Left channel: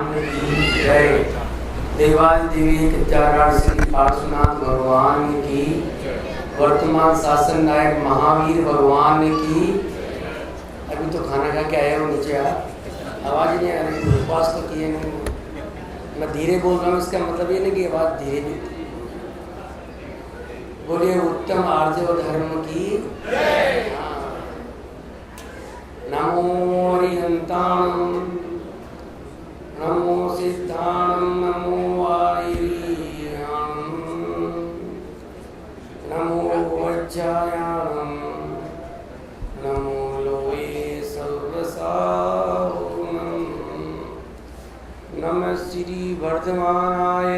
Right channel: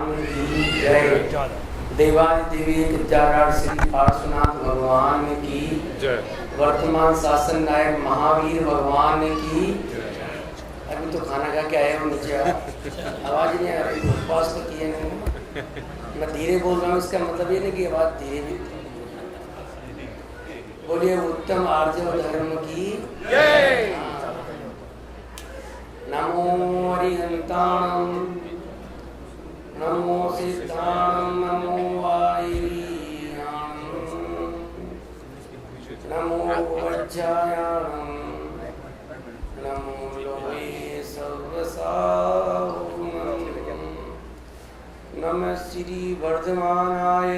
जय देवादिदेवी विद्याराज श्री पार्श्वनाथ भगवान की, वर्तमान शासन नायक महावीर भगवान की। अभी तो खाना खा के आया हूँ नीचे, आवाज़ नहीं आ रही, उपवास तो किए नहीं। मैं धीरे बोल रहा हूँ, इसका मतलब ये नहीं कि आवाज़ धीरे भी। बोलिए उत्तम आर्जव धर्म की। नमो हरिहंताणं, नमो सिद्धाणं, नमो वायुरीयाणं, नमो वज्रायाणं, नमो लोये सर्वसाहुनं, नमः श्री वर्धमानाय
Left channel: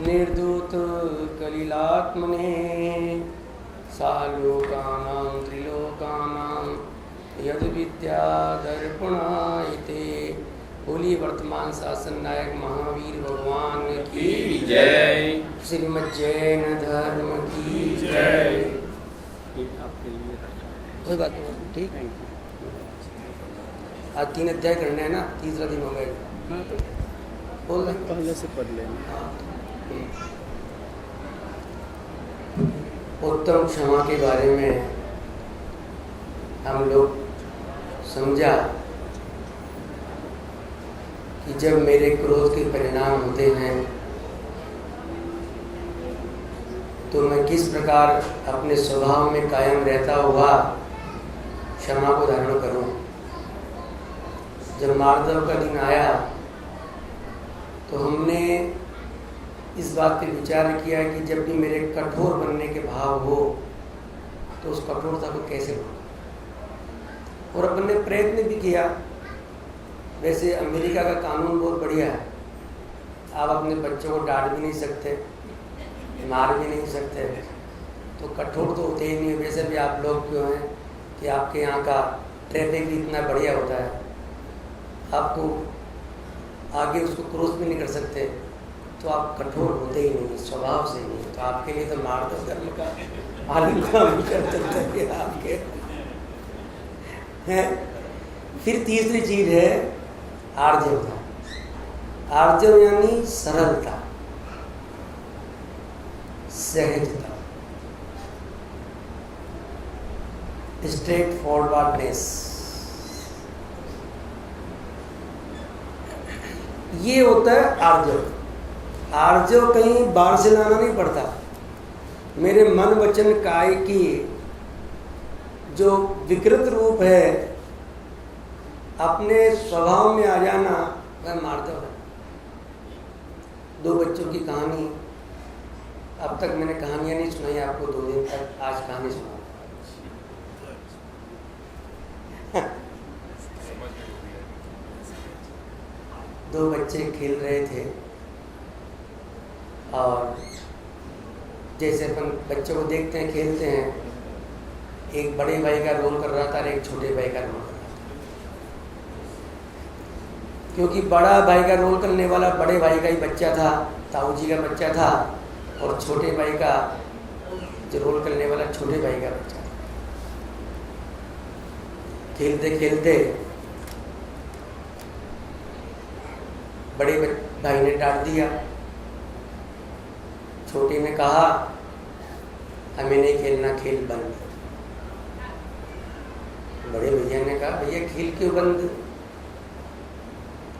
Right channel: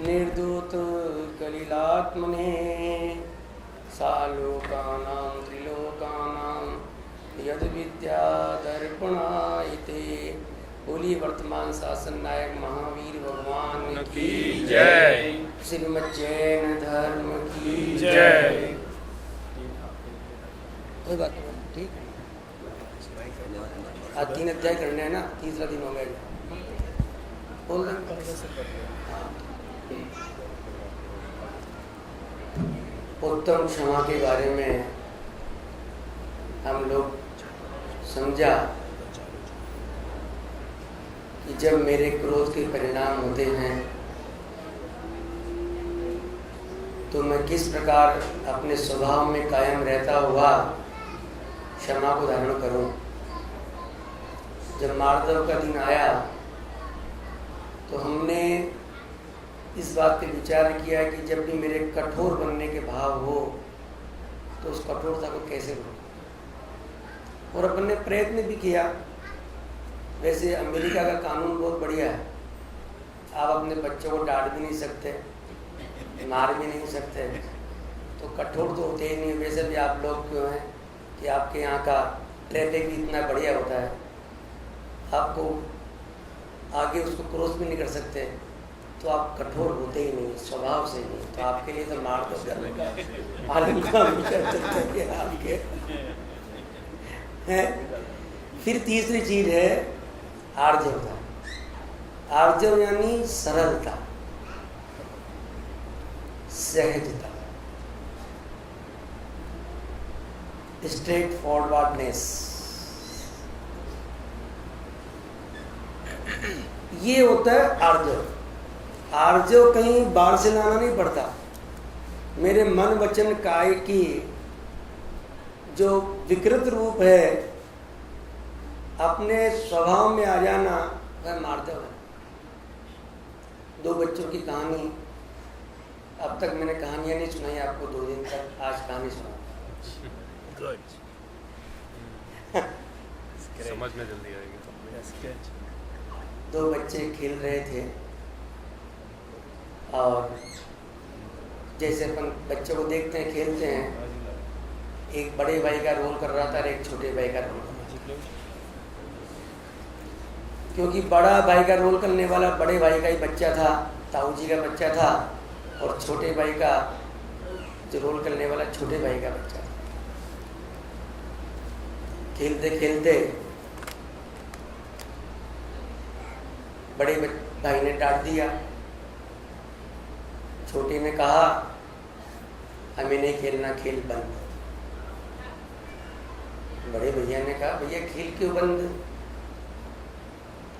निर्दूत कलिलात्मने, सालोकानां त्रिलोकानां यद विद्या दर्पणायते। बोलिए वर्तमान शासन नायक महावीर भगवान की जय, श्रीमद् जैन धर्म की जय। कोई बात नहीं, ठीक है। आज 3 अध्याय करने हैं ना, तीसरा दिन हो गया। बोल रहे पहले से पढ़ लें। उत्तम क्षमा के बारे में हम लोग समझा कि जब मेरे क्रोध के परिणाम होते हैं तो मैं किस प्रकार अपने स्वभाव में कायम रहता हुआ क्षमा को धारण करूं। जब मार्दव का दिन आया तो हमने इस बात पे विचार किया कि जब भी मेरे कठोर बनने के भाव हो तो उस कठोरता को कैसे रोकूं, और अपन ने प्रयत्न भी किया। वैसे अमेरिका का कानून बहुत बढ़िया है, आप अपने बच्चों को डांट भी नहीं सकते, मार भी नहीं सकते, तो कठोर तो होते ही नहीं। वैसे भी आप लोग क्यों हैं कि आपके यहाँ का ट्रैफिक भी इतना बढ़िया होता है, आपको आगे उसको क्रॉस भी नहीं कर सकते, तो आप कठोर होते ही नहीं, स्वभाव से नहीं। तो आपके लिए तो मार दो करने का आलम का विचार है आपके है। फिर तीसरी चीज है आर्जवता। आर्जव यानी सरलता, सहजता, स्ट्रेट फॉरवर्डनेस। ये होता है आर्जव। आर्जव कहीं बाहर से लाना नहीं पड़ता। मेरे मन वचन काय की जो विकृत रूप है, अपने स्वभाव में आ जाना, वह मार्दव है। 2 बच्चों की कहानी, अब तक मैंने कहानियां नहीं सुनाई आपको 2 दिन तक, आज कहानी सुना। 2 बच्चे खेल रहे थे और जैसे अपन बच्चों को देखते हैं खेलते हैं, एक बड़े भाई का रोल कर रहा था और एक छोटे भाई का रोल कर रहा था। क्योंकि बड़ा भाई का रोल करने वाला बड़े भाई का ही बच्चा था, ताऊ जी का बच्चा था, और छोटे भाई का जो रोल करने वाला छोटे भाई का बच्चा था। खेलते खेलते बड़े भाई ने डांट दिया, छोटे ने कहा हमें नहीं खेलना, खेल बंद। बड़े भैया ने कहा भैया खेल क्यों बंद?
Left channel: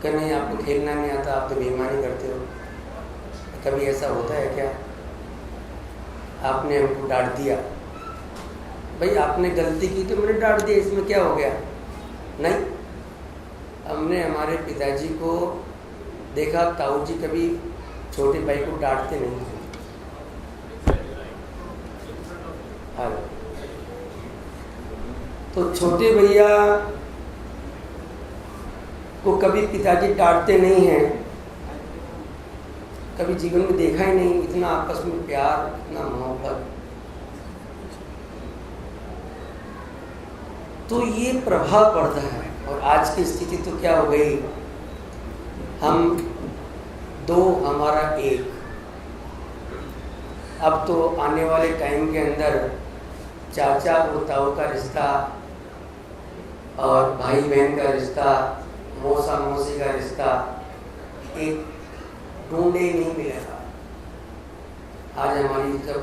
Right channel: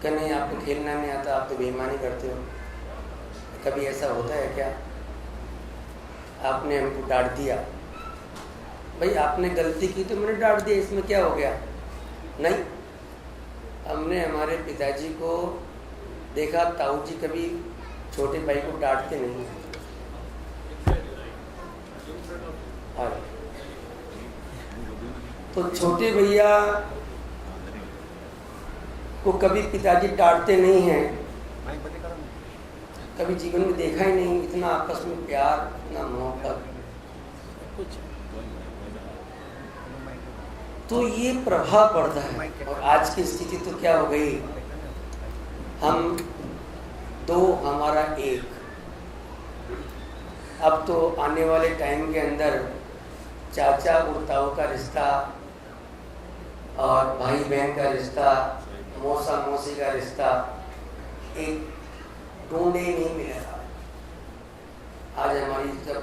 क्या नहीं, आपको खेलना नहीं आता, आप तो बेईमानी करते हो। कभी ऐसा होता है क्या? आपने हमको डांट दिया, भाई आपने गलती की तो मैंने डांट दिया, इसमें क्या हो गया? नहीं, हमने हमारे पिताजी को देखा, ताऊ जी कभी छोटे भाई को डांटते नहीं हैं। तो छोटे भैया को कभी पिताजी डांटते नहीं हैं, कभी जीवन में देखा ही नहीं इतना आपस में प्यार, इतना मोहब्बत। तो ये प्रभाव पड़ता है। और आज की स्थिति तो क्या हो गई, हम 2 हमारा 1। अब तो आने वाले टाइम के अंदर चाचा और ताऊ का रिश्ता और भाई बहन का रिश्ता, मौसा मौसी का रिश्ता एक ढूंढे नहीं मिलेगा। आज हमारी जब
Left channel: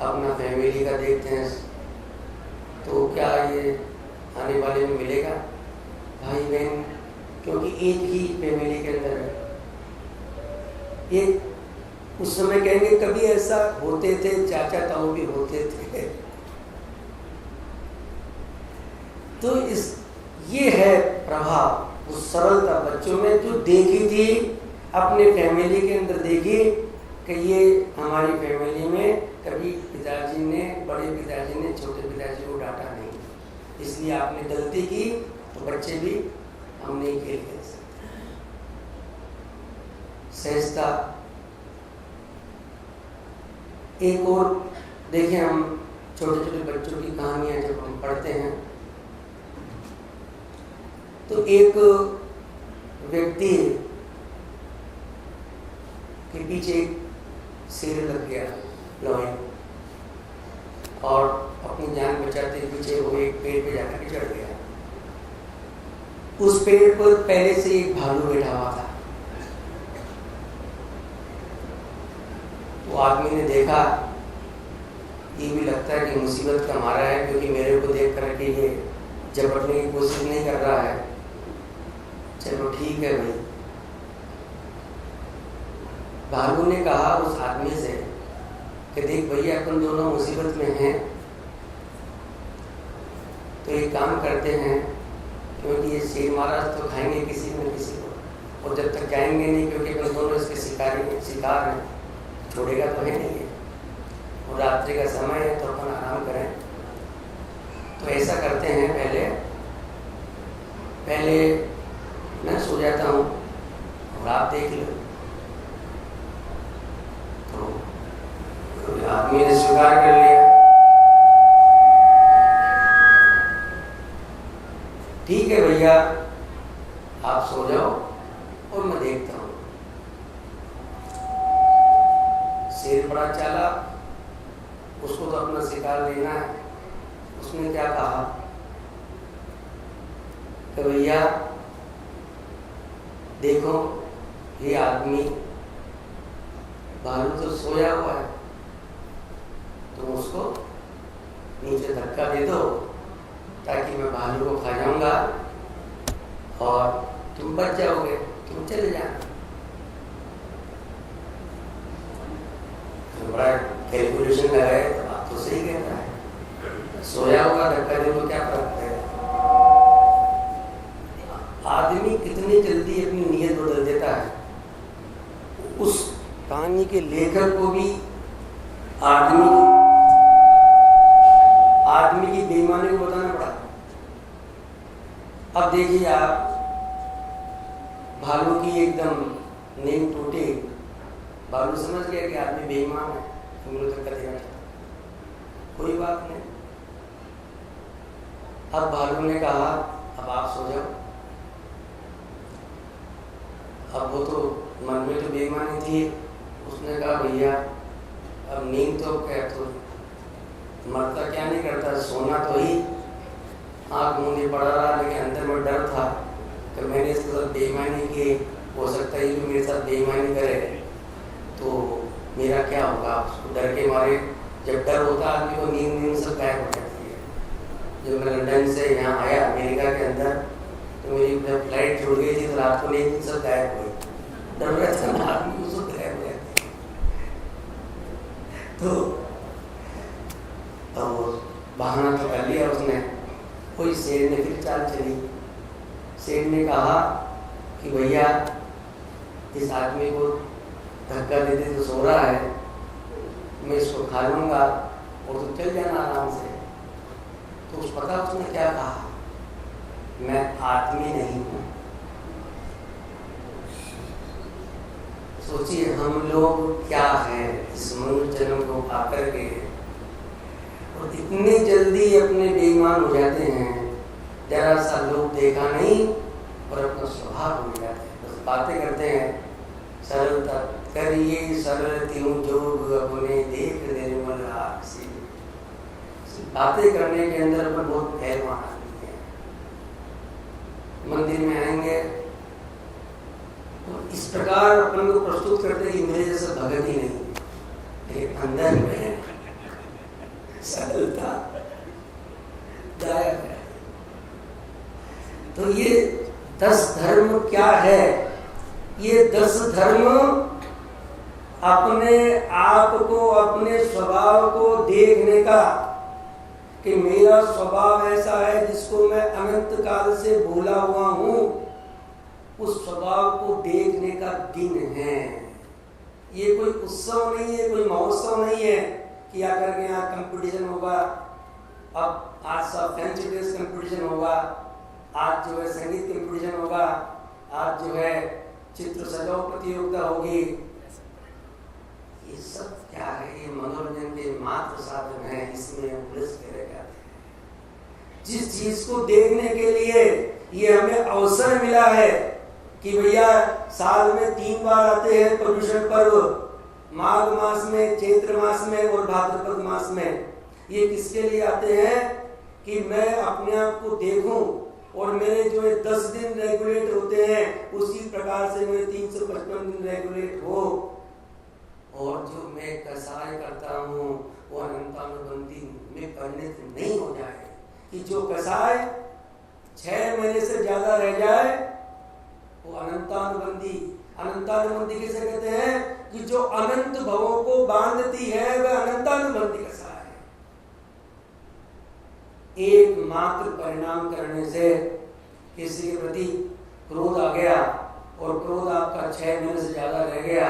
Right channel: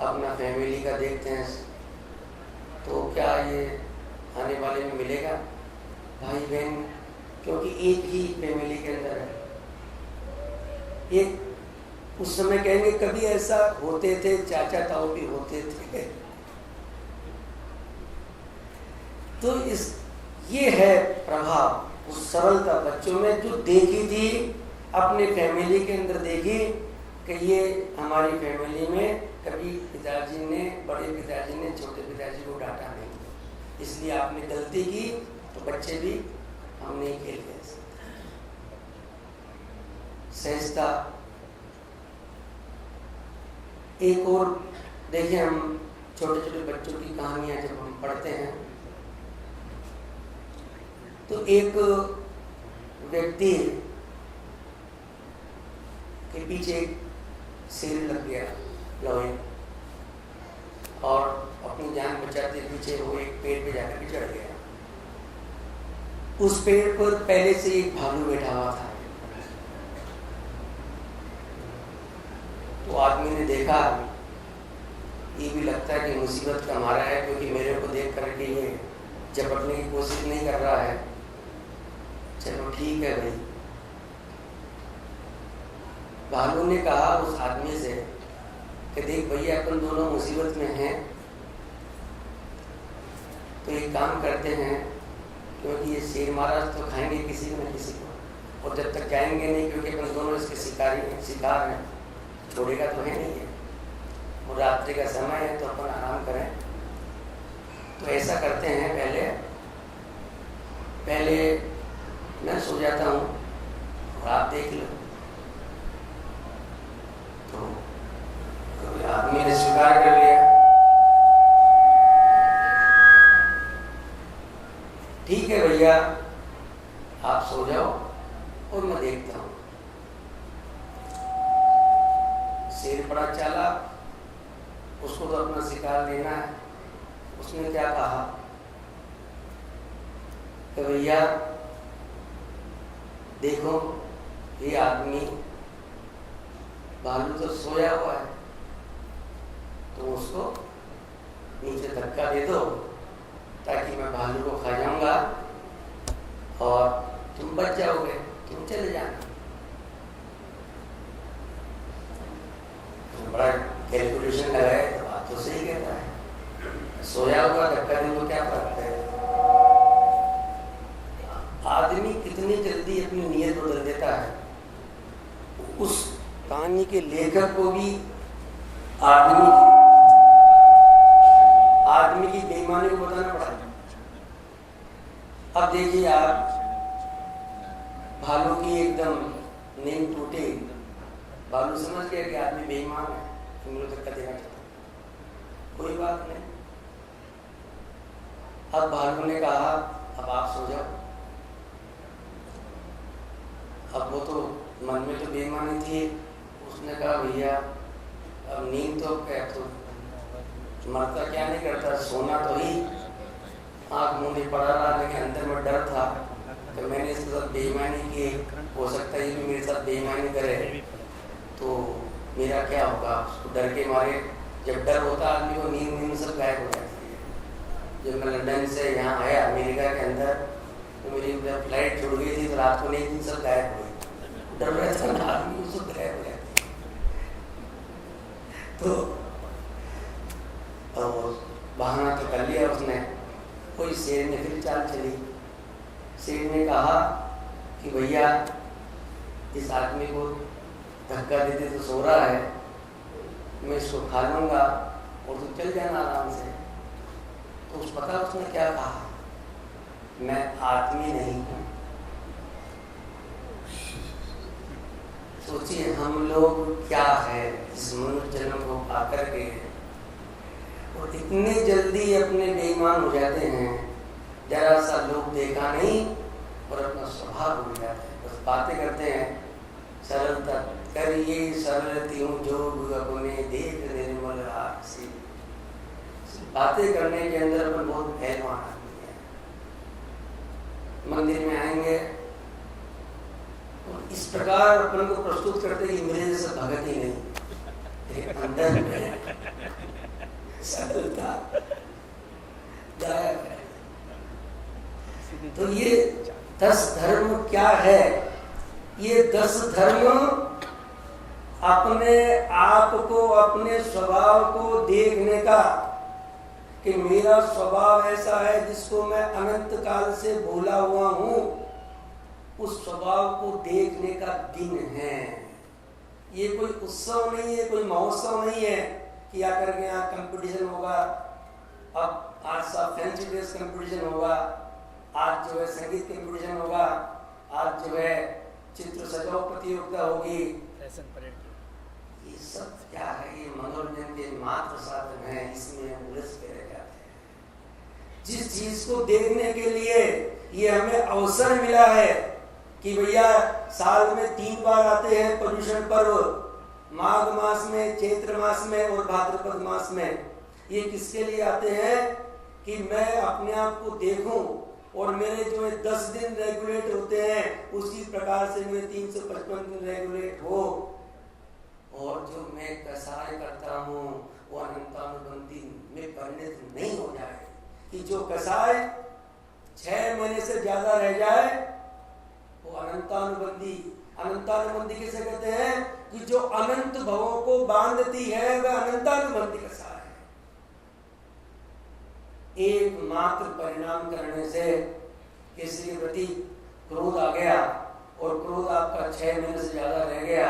अपना फैमिली का देखते हैं तो क्या ये आने वाले में मिलेगा? भाई बहन, क्योंकि एक ही फैमिली के अंदर है। एक उस समय कहेंगे कभी ऐसा होते थे, चाचा ताऊ भी होते थे। तो ये है प्रभाव उस सरलता बच्चों में जो देखी थी, अपने फैमिली के अंदर देखी कि ये हमारी फैमिली में कभी पिताजी ने, बड़े पिताजी ने छोटे पिताजी को डांटा नहीं, इसलिए आपने गलती की तो बच्चे भी हम नहीं खेल सकते। सहजता। एक और देखिए, हम छोटे छोटे बच्चों की कहानियां जब हम पढ़ते हैं तो एक व्यक्ति के पीछे एक शेर लग गया लोहे, और अपनी जान बचाते पीछे वो एक पेड़ पे जाकर के चढ़ गया। उस पेड़ पर पहले से एक भालू बैठा हुआ था। तो आदमी ने देखा, ये भी लगता है कि मुसीबत का मारा है, क्योंकि मेरे को देख करके ये झपटने की कोशिश नहीं कर रहा है। चलो ठीक है भाई। भालू ने कहा उस आदमी से कि देख भैया, अपन दोनों मुसीबत में हैं, तो एक काम करते हैं, क्योंकि ये शेर महाराज तो खाएंगे किसी न किसी को, और जब तक जाएंगे नहीं, क्योंकि अपन दोनों इसके शिकार हैं, छोड़ेगा तो है नहीं है, और रात्रि का समय है तो अपन आराम करें। तो ऐसा करते हैं, पहले मैं सो जाता हूँ और आप देख लो। तो आदमी ने स्वीकार कर लिया। ठीक है भैया, आप सो जाओ और मैं देखता हूँ। शेर बड़ा चालाक, उसको तो अपना शिकार लेना है। उसने क्या कहा कि भैया देखो, ये आदमी भालू तो सोया हुआ है, तुम उसको नीचे धक्का दे दो ताकि मैं भालू को खा जाऊंगा और तुम बच जाओगे, तुम चले जाना। तो बड़ा कैलकुलेशन लगाए, तो बात तो सही कहता है, सोया होगा धक्का दे तो क्या फर्क है। आदमी कितनी जल्दी अपनी नीयत बदल देता है। उस कहानी के लेखक को भी आदमी की बेईमानी को बताना पड़ा। अब देखिए आप, भालू की एकदम नींद टूटी, भालू समझ गया कि आदमी बेईमान है, तो मुझे धक्का देना चाहता, कोई बात नहीं। अब भालू ने कहा अब आप सो जाओ। अब वो तो मन में तो बेईमानी थी, उसने कहा भैया अब नींद तो क्या, तो मरता क्या नहीं करता, सोना तो ही। आँख मूंदी पड़ा रहा, लेकिन अंदर में डर था कि मैंने इसके साथ बेईमानी की, हो सकता है ये भी मेरे साथ बेईमानी करे तो मेरा क्या होगा। उसको डर के मारे, जब डर होता आदमी को नींद सब गायब हो जाती है। जब मैं लंदन से यहाँ आया अमेरिका के अंदर, तो मेरी जब फ्लाइट छूट गई थी तो रात को नींद सब गायब हुई, डर रहता ना आदमी को, सब गायब हो जाती। तो बहाना तो कर लिया उसने। कोई शेर ने फिर चाल चली। शेर ने कहा कि भैया इस आदमी को धक्का देते तो सो रहा है, मैं इसको खा लूँगा और तो चल जाना आराम से। तो उस पता उसने क्या कहा, मैं आदमी नहीं हूँ। सोचिए हम लोग क्या है इस मनुष्य जन्म को आकर के, और इतने जल्दी अपने बेईमान हो जाते हैं। जरा सा लोग देखा नहीं और अपना स्वभाव भूल जाते हैं, बस बातें करते हैं। सरलता करिए सरल त्यों जोग अपने देख निर्मल आसी। बातें करने के अंदर अपन बहुत पहलवान आदमी है। मंदिर में आएंगे तो इस प्रकार अपन को प्रस्तुत करते कि मेरे जैसा भगत ही नहीं, मेरे अंदर में सरलता गायब है। तो ये 10 धर्म क्या है? ये 10 धर्म अपने आप को, अपने स्वभाव को देखने का, कि मेरा स्वभाव ऐसा है जिसको मैं अनंत काल से भूला हुआ हूं, उस स्वभाव को देखने का दिन है। ये कोई उत्सव नहीं है, कोई महोत्सव नहीं है कि आकर के यहाँ कंपटीशन होगा, अब आज सब फैंसी ड्रेस कंपटीशन होगा, आज जो है संगीत कंपटीशन होगा, आज जो है चित्र सजाओ प्रतियोगिता होगी। ये सब क्या है? ये मनोरंजन के मात्र साधन है, इसमें हम उलझ के रह जाते हैं। जिस चीज को देखने के लिए ये हमें अवसर मिला है कि भैया साल में 3 बार आते हैं पर्युषण पर्व, माघ मास में, चैत्र मास में और भाद्रपद मास में। ये किसके लिए आते हैं? कि मैं अपने आप को देखूं और मेरे जो 10 दिन रेगुलेट होते हैं उसी प्रकार से मेरे 355 दिन रेगुलेट हो, और जो मैं कसाय करता हूँ वो अनंतानुबंधी में परिणत नहीं हो जाए। कि जो कसाय 6 महीने से ज्यादा रह जाए वो अनंतानुबंधी। अनंतानुबंधी किसे कहते हैं? कि जो अनंत भवों को बांधती है वह अनंतानुबंधी कसाय है। एकमात्र परिणाम करने से किसी के प्रति क्रोध आ गया और क्रोध आपका 6 महीने से ज्यादा रह गया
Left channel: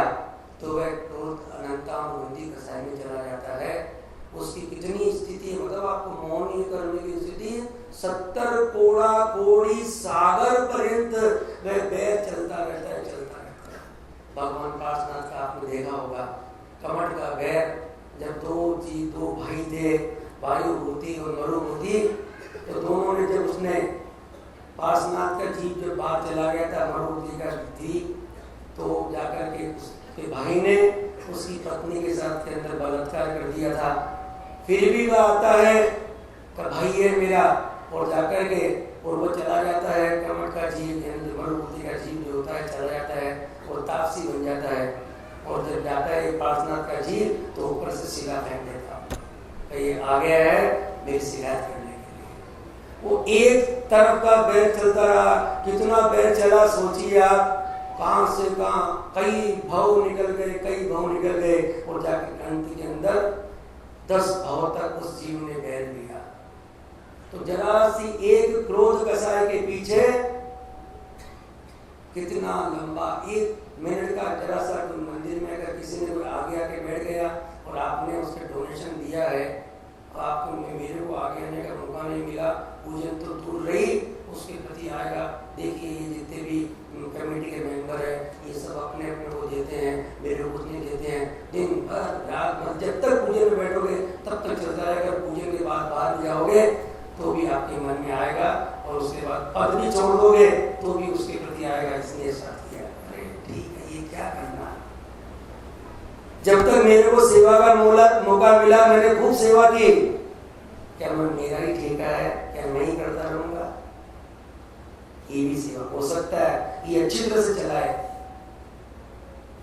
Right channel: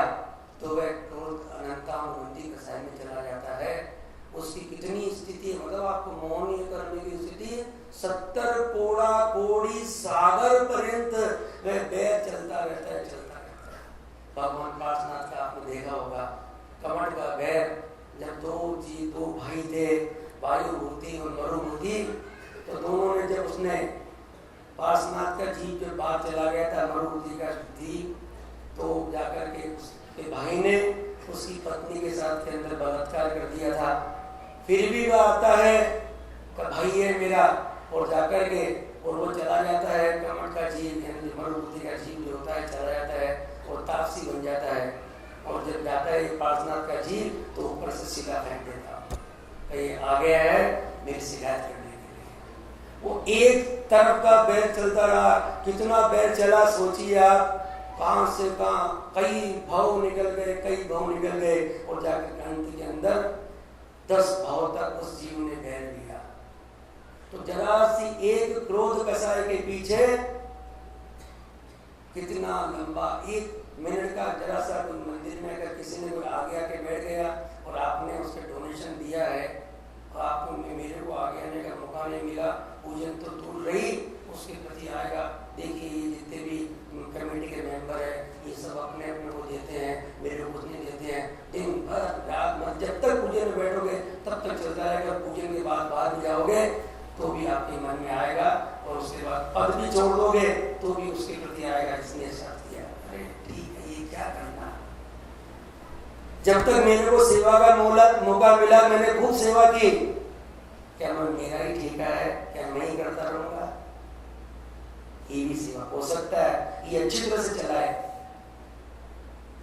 तो वह क्रोध अनंतानुबंधी कसाय में चला जाता है। उसकी कितनी स्थिति है, मतलब आपको मोहन करने की स्थिति 70 कोड़ा कोड़ी सागर पर्यंत वह बैर चलता रहता है, चलता रहता है। भगवान पार्श्वनाथ का आपने देखा होगा, कमठ का बैर, जब दो भाई थे, वायुभूति और मरुभूति, तो दोनों ने जब उसने पार्श्वनाथ का जीव जब बाहर चला गया था मरुभूति का जीव, तो जाकर के उसके भाई ने उसकी पत्नी के साथ के अंदर बलात्कार कर दिया था। फिर भी वह आता है कि भाई है मेरा, और जाकर के और वो चला जाता है, कमठ का जीव यानी मरुभूति का जीव जो होता है चला जाता है और तापसी बन जाता है। और जब जाता है पार्श्वनाथ का जीव तो ऊपर से शिला फेंक देता है, ये आ गया है मेरी शिकायत करने के लिए। वो एक तरफ का बैर चलता रहा, कितना बैर चला सोचिए आप, कहां से कहां कई भाव निकल गए और जाकर अंत के अंदर 10 भाव तक उस जीव ने बैर लिया। तो जरा सी एक क्रोध कसाय के पीछे कितना लंबा 1 मिनट का जरा सा कोई मंदिर में अगर किसी ने कोई आगे आके बैठ गया और आपने उसके डोनेशन दिया है, आपको मेरे को आगे आने का मौका नहीं मिला, पूजन तो दूर रही, उसके प्रति आएगा। देखिए ये जितने भी कमेटी के मेंबर है ये सब अपने अपने को देते हैं, मेरे को कुछ नहीं देते हैं। दिन भर रात भर जब तक पूजन में बैठोगे तब तक चलता रहेगा, पूजन के बाद बाहर भी जाओगे तो भी आपके मन में आएगा, और उसके बाद पद भी छोड़ दोगे तो भी उसके प्रति आएगा, इसने ऐसा किया। अरे ठीक है, ये क्या करना, जब तक मेरे को सेवा का मौका मिला मैंने खूब सेवा की, क्या मैं मेरा ही ठेका है, क्या मैं ही करता रहूंगा? ये भी सेवा हो सकता है, ये अच्छी तरह से चलाए,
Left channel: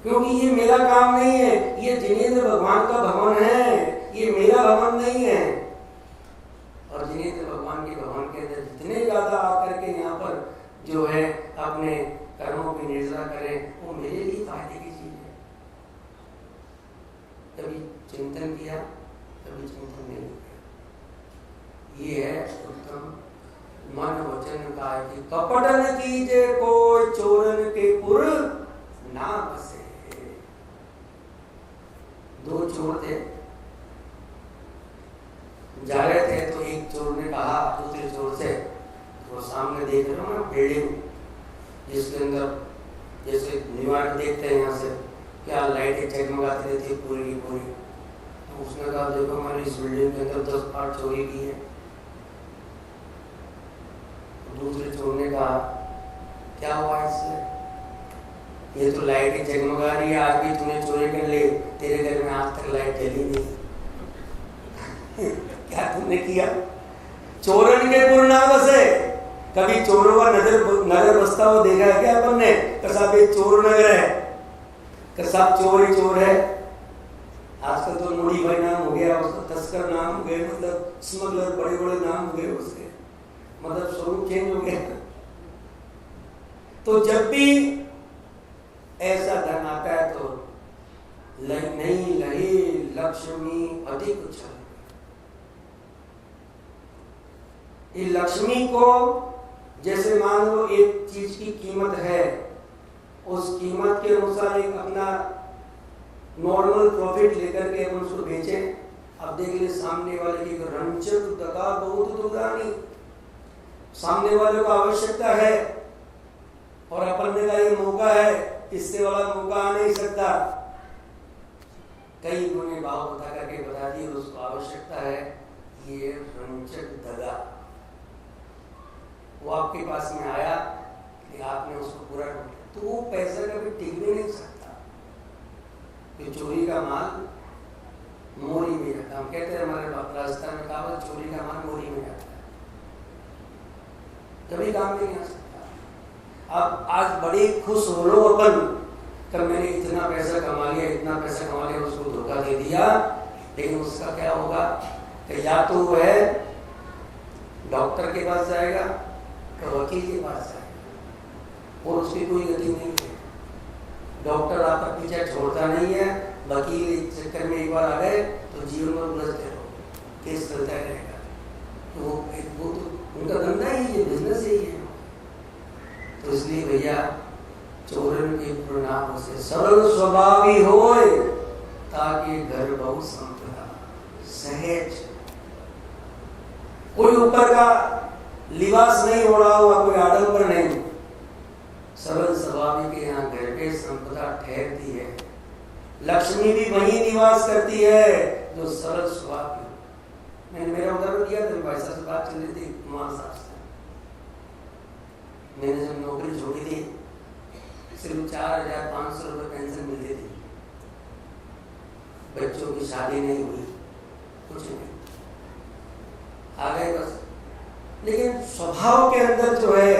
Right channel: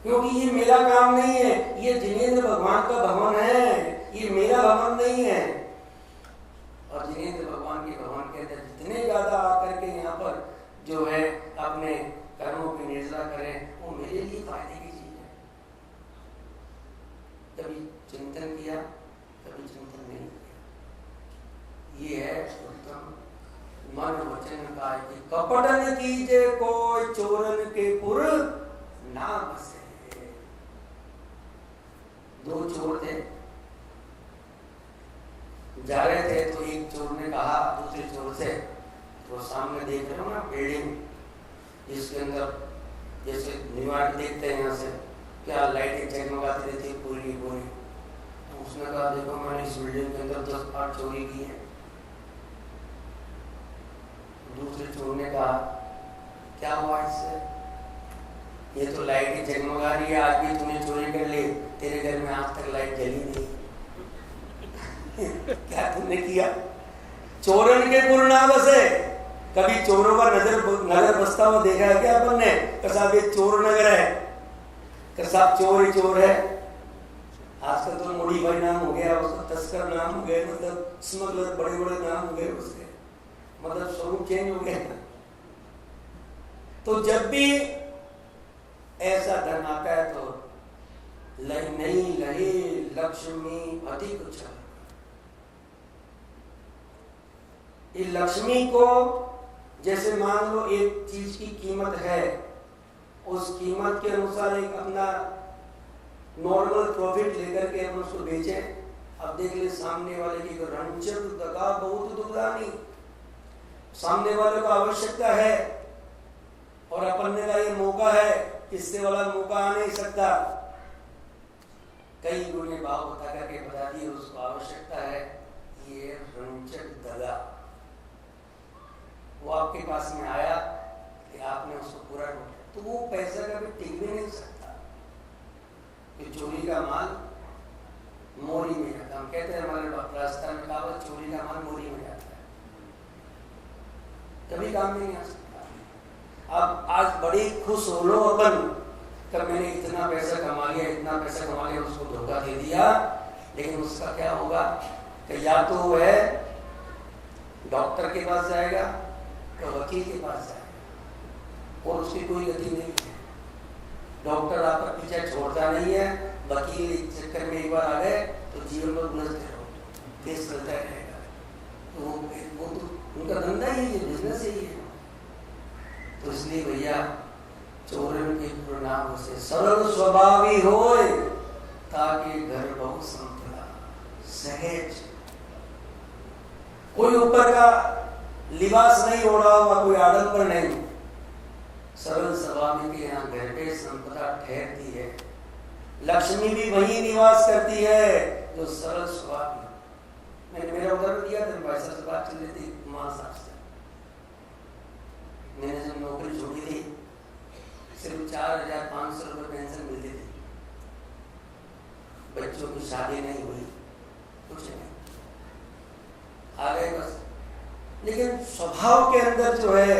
क्योंकि ये मेरा काम नहीं है, ये जिनेंद्र भगवान का भवन है, ये मेरा भवन नहीं है। और जिनेंद्र भगवान के भवन के अंदर जितने ज्यादा आकर के यहाँ पर जो है अपने कर्मों की निर्जरा करें, वो मेरे लिए फायदे की चीज है। कभी चिंतन किया, कभी चिंतन नहीं किया। ये है उत्तम मन वचन का कि कपटन कीजे कोई चोरन के पुर ना बसे। 2 चोर थे, जा रहे थे तो एक चोर ने कहा दूसरे चोर से, तो सामने देख रहे हो ना बिल्डिंग जिसके अंदर जैसे न्यूयॉर्क देखते हैं यहाँ से क्या लाइटें जगमगाती रहती है पूरी पूरी, तो उसने कहा देखो मैंने इस बिल्डिंग के अंदर 10 बार चोरी की है। दूसरे चोर ने कहा क्या हुआ इससे, ये तो लाइटें जगमगा रही है, आज भी तूने चोरी कर ली, तेरे घर में आज तक लाइट जली नहीं। क्या तुमने किया? चोरन के पुर ना बसे, कभी चोरों का नगर बसता हुआ देखा है क्या अपन ने? कि साहब ये चोर नगर है, कि साहब चोर ही चोर है। आजकल तो मोड़ी भाई नाम हो गया, उसका तस्कर नाम हो गए, मतलब स्मगलर, बड़े बड़े नाम हो गए उसके, मतलब स्वरूप चेंज हो गया। तो जब भी ऐसा धन आता है तो नहीं लहे लक्ष्मी अधिक उछल। ये लक्ष्मी को जैसे मान लो एक चीज की कीमत है, उस कीमत के अनुसार एक अपना नॉर्मल प्रॉफिट लेकर के हम उसको बेचें। अब देख ले सामने वाले की रंचक दगा बहुत दुर्दानी, सामने वाले को आवश्यकता है और अपन ने कहा ये मौका है, इससे वाला मौका आ नहीं सकता। कई गुने भाव बता करके बता दिए उसको आवश्यकता है, ये रंचक दगा। वो आपके पास में आया कि आपने उसको पूरा कर दिया, तो वो पैसा कभी टिक भी नहीं सकता। कि चोरी का माल मोरी में जाता, हम कहते हैं हमारे राजस्थान में कहावत, चोरी का माल मोरी में जाता है, कभी काम नहीं आ सकता। अब आज बड़ी खुश हो लो अपन, कब मैंने इतना पैसा कमा लिया, इतना पैसा कमा लिया, उसको धोखा दे दिया, लेकिन उसका क्या होगा कि या तो वह डॉक्टर के पास जाएगा तो वकील के पास जाएगा और उसकी कोई गति नहीं है। डॉक्टर आपका पीछा छोड़ता नहीं है, वकील इस चक्कर में एक बार आ गए तो जीवन में उलझते रहो, केस चलता रहेगा। तो वो तो उनका धंधा ही है, बिजनेस ही है। तो इसलिए भैया चोरन के प्रणाम से सरल स्वभावी होए, ताकि घर बहु संपदा सहज। कोई ऊपर का लिबास नहीं ओढ़ा हुआ, कोई आडंबर नहीं, सरल स्वभावी के यहाँ घर पे संपदा ठहरती है। लक्ष्मी भी वही निवास करती है जो सरल स्वभावी। मैंने मेरा उदाहरण दिया था, भाई साहब से बात चल रही थी, कुमार साहब से। मैंने जब नौकरी छोड़ी थी सिर्फ 4,500 रुपये पेंशन मिलती थी, बच्चों की शादी नहीं हुई, कुछ नहीं, आ गए बस। लेकिन स्वभाव के अंदर जो है,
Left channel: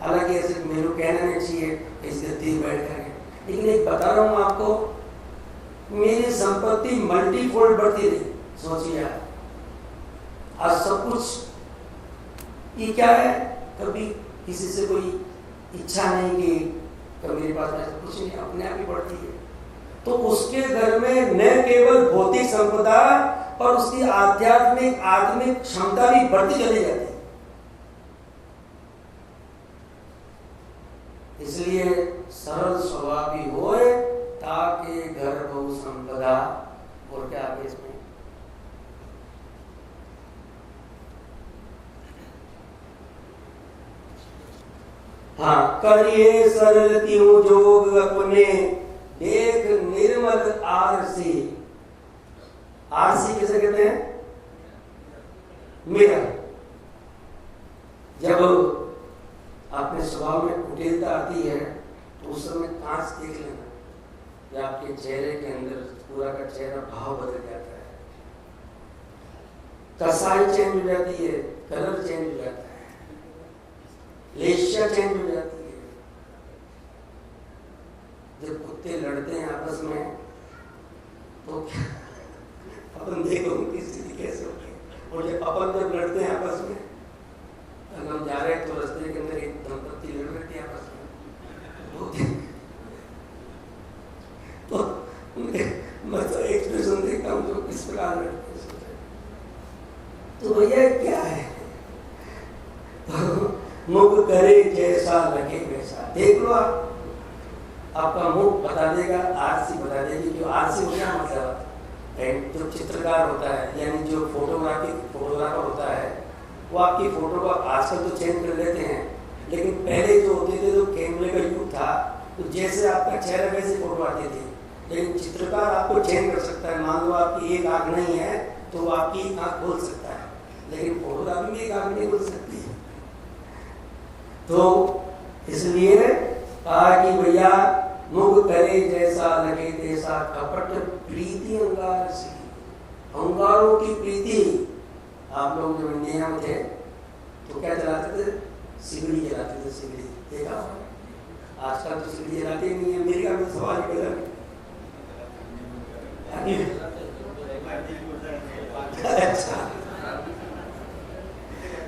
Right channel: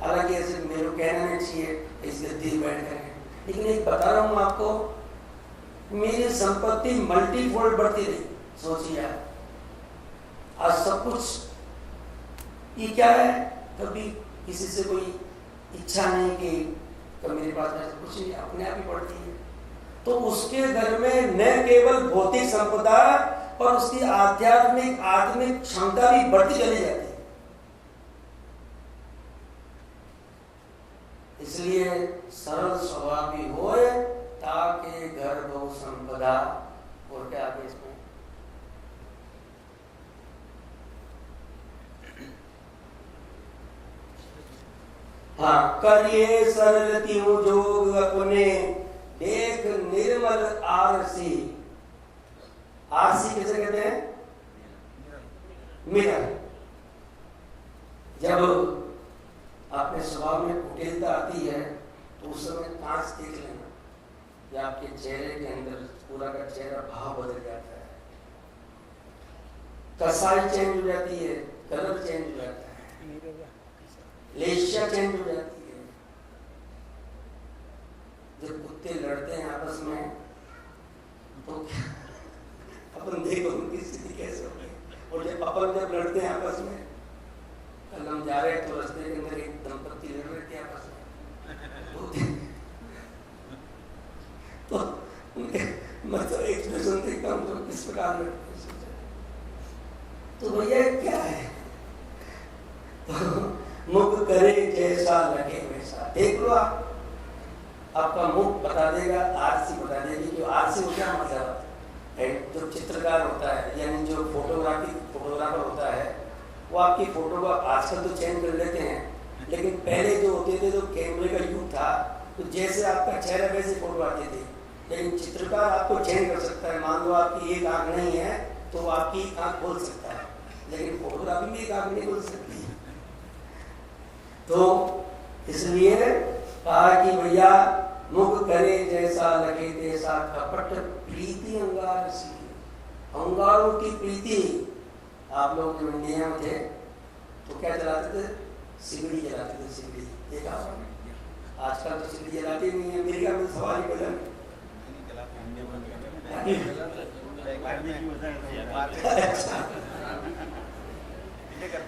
हालांकि ऐसे मेरे को कहना नहीं चाहिए इस गद्दी बैठ कर, लेकिन एक बता रहा हूँ आपको, मेरी संपत्ति मल्टीफोल्ड बढ़ती रही। सोचिए आज सब कुछ ये क्या है, कभी किसी से कोई इच्छा नहीं कि कभी मेरे पास में कुछ नहीं, अपने आप ही बढ़ती है। तो उसके घर में न केवल भौतिक संपदा पर उसकी आध्यात्मिक आत्मिक क्षमता भी बढ़ती चली जाती है। इसलिए सरल स्वभावी होए, ताकि घर बहु संपदा। और क्या आगे इसमें हाँ, करिए सरल त्यों जोग अपने, देख निर्मल आरसी। आरसी किसे कहते हैं? मिरर। जब अपने स्वभाव में कुटिलता आती है तो उस समय कांच देख लेना कि आपके चेहरे के अंदर पूरा का चेहरा भाव बदल जाता है, कसाई चेंज हो जाती है, कलर चेंज हो जाता है, लेशिया चेंज हो जाती है। जब कुत्ते लड़ते हैं आपस में तो अपन देखो उनकी स्थिति कैसे होती है। और जब अपन लड़ते हैं आपस में, कल हम जा रहे हैं तो रास्ते के अंदर एक दंपत्ति लड़ रहे थे आपस में, तो उनके मतलब एक्सप्रेशन देखता हूँ जो किस प्रकार लड़ते। तो भैया क्या है, तो मुख करे जैसा लगे वैसा। देख लो आप, आपका मुख बता देगा, आरसी बता देगी कि आरसी हो क्या मतलब है। जो चित्रकार होता है यानी जो फोटोग्राफर होता है, वो आपकी फोटो को आजकल तो चेंज कर लेते हैं, लेकिन पहले जो होते थे, जो कैमरे का युग था, तो जैसे आपका चेहरा वैसे फोटो आती थी। लेकिन चित्रकार आपको चेंज कर सकता है। मान लो आपकी एक आंख नहीं है तो वो आपकी आंख खोल सकता है, लेकिन फोटोग्राफी में एक आंख नहीं खोल सकती है। तो इसलिए कहा कि भैया मुख करे जैसा लगे तैसा, कपट प्रीति अंगार सी। अंगारों की प्रीति। आप लोग जब इंडिया में थे तो क्या चलाते थे? सिगड़ी जलाते थे, सिगड़ी देखा। आजकल तो सिगड़ी जलाते नहीं है, अमेरिका में सवाल ही बदल। अच्छा,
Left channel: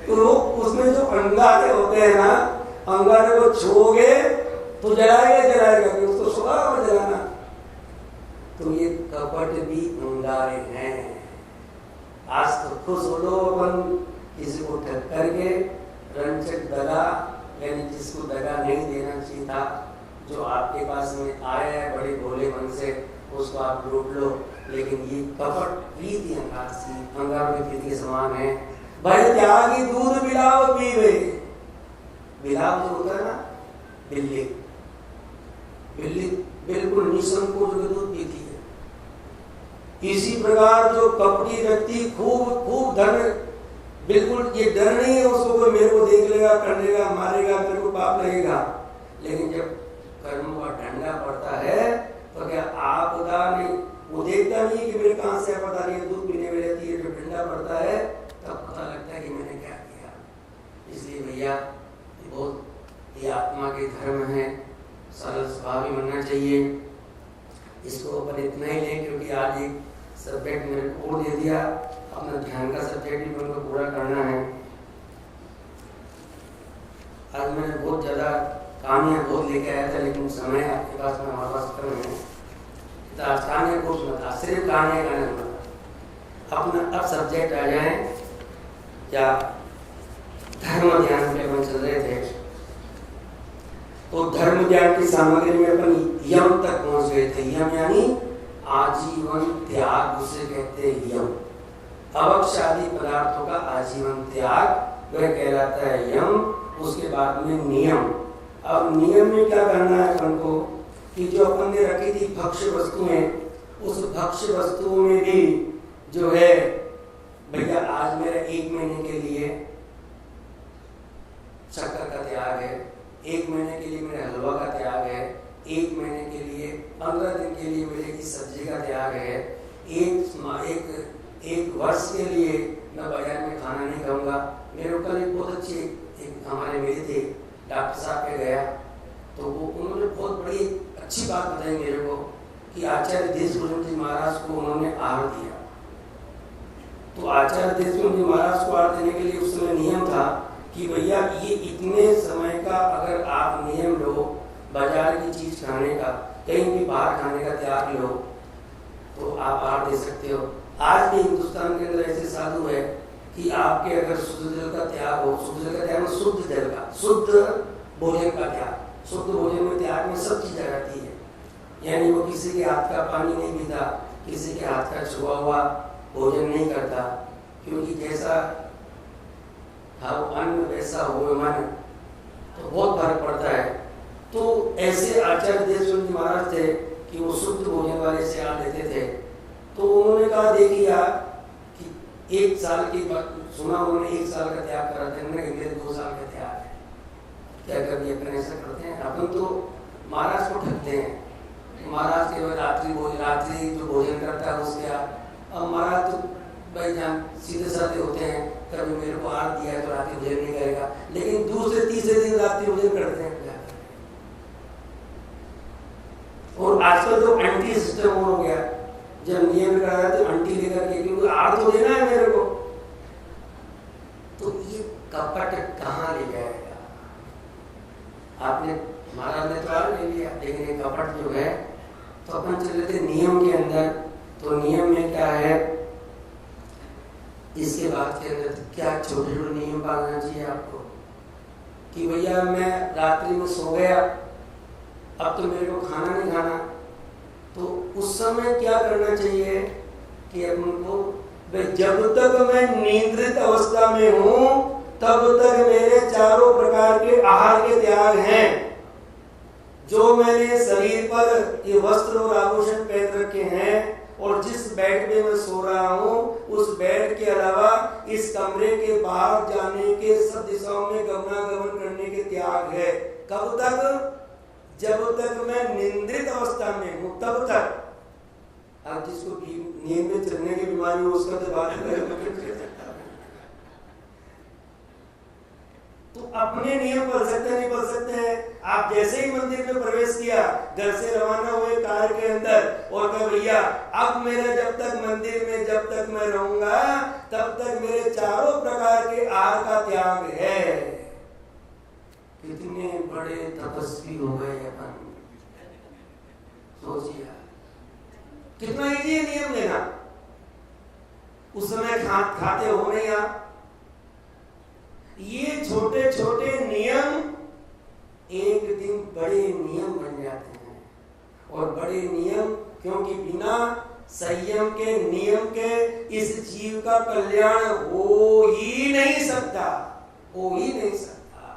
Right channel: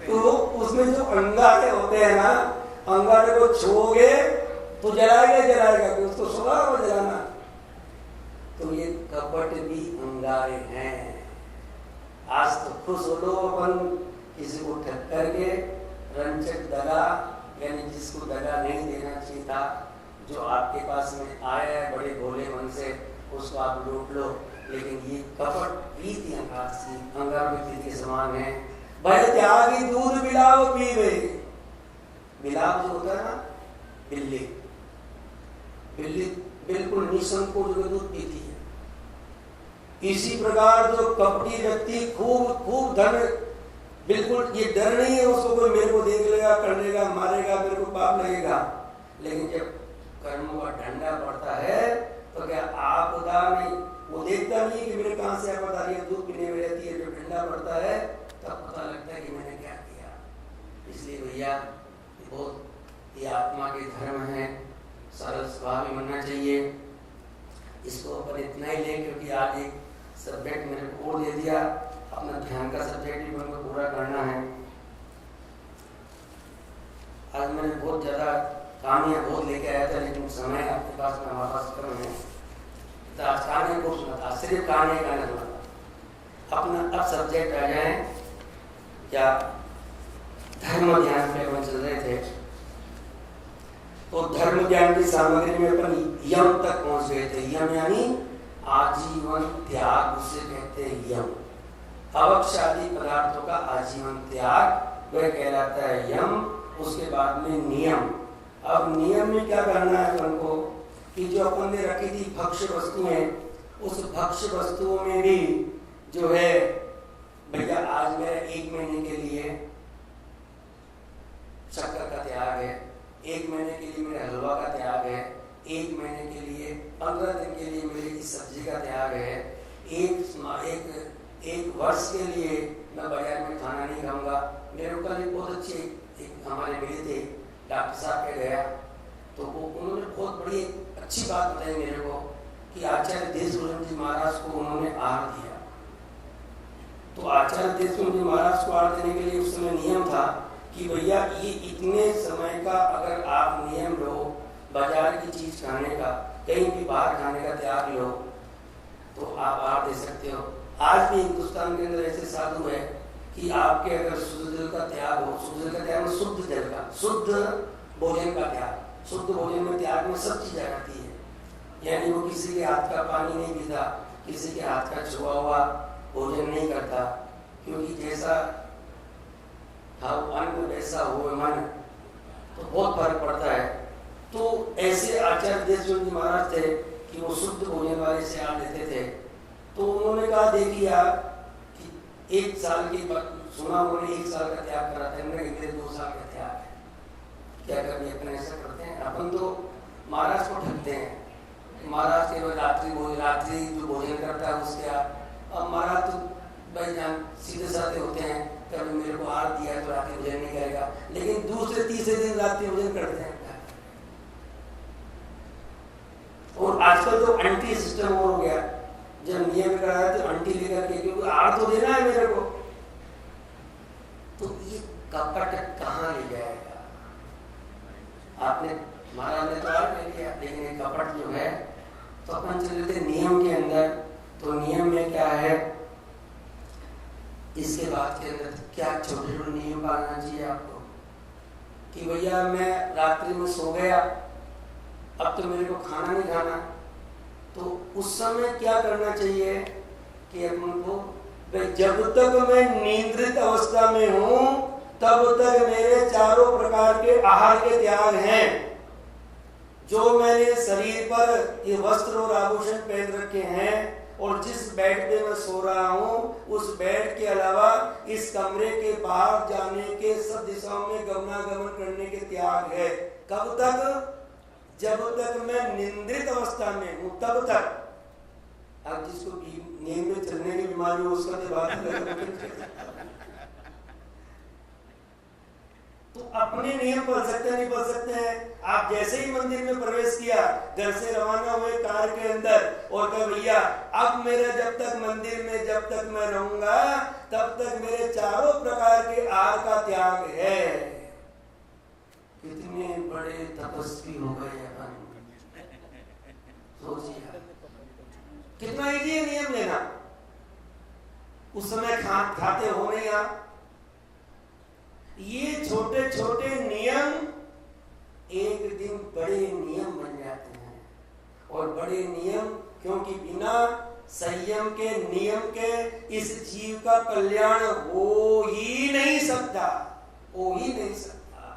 तो उसमें जो अंगारे होते हैं ना, अंगारे को छुओगे तो जलाएगा कि उसको सुबह में जलाना। तो ये कपट भी अंगारे हैं। आज तो खुश हो लो अपन किसी को ठग करके, रंचक दगा, यानी जिसको दगा नहीं देना चाहिए था, जो आपके पास में आया है बड़े भोले मन से, उसको आप लूट लो। लेकिन ये कपट प्रीति अंगार में प्रीति के समान है। भाई त्यागी दूध बिलाव पीवे, बिलाव जो होता है ना, बिल्ली बिल्कुल निसंकोच में दूध पीती है। इसी प्रकार जो कपटी व्यक्ति खूब धन, बिल्कुल ये डर नहीं है उसको कोई मेरे को देख लेगा, कर लेगा, मारेगा, मेरे को पाप लगेगा। लेकिन जब कर्म का डंडा पड़ता है तो क्या आपदा नहीं, वो देखता नहीं है कि मेरे कहां से आपदा आ रही है, दूध पीने में रहती है। जब डंडा पड़ता है तब पता लगता है कि मैंने क्या किया। इसलिए भैया बहुत ये आत्मा के धर्म है, सरल स्वभाव बनना चाहिए। इसको अपन इतना ही लें क्योंकि आज एक सब्जेक्ट मेरे को और दे दिया, अपना ध्यान का सब्जेक्ट भी मेरे को पूरा करना है। आज मैंने बहुत ज़्यादा कहानियाँ बहुत लेके आया था, लेकिन समय आपके पास में हमारे पास कम है, तो आज कहानियाँ को सुना था, सिर्फ कहानियाँ कहना था। अपना अब सब्जेक्ट आ जाए, क्या धर्म ध्यान पे अपन चल रहे थे, तो धर्म ज्ञान की सामग्री में अपन यम तक पहुंच गए थे। यम यानी आजीवन त्याग, उसे कहते हैं यम। अवक्ष्यादि पदार्थों का आजीवन त्याग वह कहलाता है यम। उसके बाद में नियम। अब नियम में क्या करना है अपन को कि जो अपन ने रखी थी भक्ष्य वस्तुएं, उस भक्ष्य वस्तुओं में भी जो है भैया आज मेरा 1 महीने के लिए शक्कर का त्याग है, 1 महीने के लिए मेरे हलवा का त्याग है, 1 महीने के लिए 15 दिन के लिए मेरे की सब्जी का त्याग है, एक वर्ष के लिए मैं बाजार में खाना नहीं खाऊंगा। मेरे कल एक बहुत अच्छी एक हमारे मिले थे, डॉक्टर साहब के गया तो वो उन्होंने बहुत बड़ी अच्छी बात बताई मेरे को कि आचार्य देशभूषण जी महाराज को उन्होंने आहार दिया। तो आचार्य देशभूषण जी महाराज को आहार देने के लिए उस समय नियम था कि भैया ये इतने समय का अगर आप नियम लो, बाजार की चीज खाने का, कहीं भी बाहर खाने का त्याग लो तो आप आहार दे सकते हो। आज भी हिंदुस्तान के अंदर ऐसे साधु है कि आपके अगर शुद्ध जल का त्याग हो, शुद्ध जल का त्याग में शुद्ध जल का, शुद्ध भोजन का त्याग, शुद्ध भोजन में त्याग में सब चीज आ जाती है। यानी वो किसी के हाथ का पानी नहीं पीता, किसी के हाथ का छुआ हुआ भोजन नहीं करता, क्योंकि जैसा खाओ अन्न वैसा हो मन, तो बहुत फर्क पड़ता है। तो ऐसे आचार्य देशभूषण जी महाराज थे कि वो शुद्ध भोजन वाले से आ देते थे। तो उन्होंने कहा देखिए कि 1 साल की बात सुना, उन्होंने 1 साल का त्याग करा था, मेरे 2 साल का त्याग है। क्या कभी अपन ऐसा करते हैं? अपन तो महाराज को ठगते हैं। महाराज के बाद रात्रि जो भोजन करता है उसके अब महाराज तो भाई जान सीधे साधे होते हैं, कभी मेरे को आहार दिया तो रात्रि भोजन नहीं करेगा, लेकिन दूसरे तीसरे दिन रात्रि भोजन करते हैं। और आजकल तो एंटी सिस्टम हो गया, जब नियम कराया तो आंटी लेकर के, क्योंकि आहार तो देना है मेरे को। तो ये कपट कहाँ ले जाएगा? आपने महाराज ने तो आहार ले लिया, लेकिन ये कपट जो है, तो अपन चले थे नियम के अंदर। तो नियम में क्या है, इसके बाद के अंदर क्या छोटे छोटे नियम पालना चाहिए आपको कि भैया मैं रात्रि में सो गया, अब तो मेरे को खाना नहीं खाना। तो उस समय क्या करना चाहिए कि अपन को जब तक मैं निद्रित अवस्था में हूं तब तक मेरे चारों प्रकार के आहार के त्याग हैं। जो मैंने शरीर पर ये वस्त्र और आभूषण पहन रखे हैं और जिस बेड पे मैं सो रहा हूं, उस बेड के अलावा इस कमरे के बाहर जाने के, सब दिशाओं में गमनागमन करने के त्याग है। कब तक? जब तक मैं निंद्रित अवस्था में हूं तब तक। अब जिसको नींद में चलने की बीमारी हो उसका तो बात तो अपने नियम पढ़ सकते नहीं पढ़ सकते हैं। आप जैसे ही मंदिर में प्रवेश किया, घर से रवाना हुए कार के अंदर और कहा भैया अब मेरा जब तक मंदिर में जब तक मैं रहूंगा तब तक मेरे चारों प्रकार के आहार का त्याग है। कितने बड़े तपस्वी हो गए अपन, सोचिए कितना इजी है नियम लेना। उस समय खाते हो नहीं आप। ये छोटे छोटे नियम एक दिन बड़े नियम बन जाते हैं। और बड़े नियम, क्योंकि बिना संयम के नियम के इस जीव का कल्याण हो ही नहीं सकता, हो ही नहीं सकता।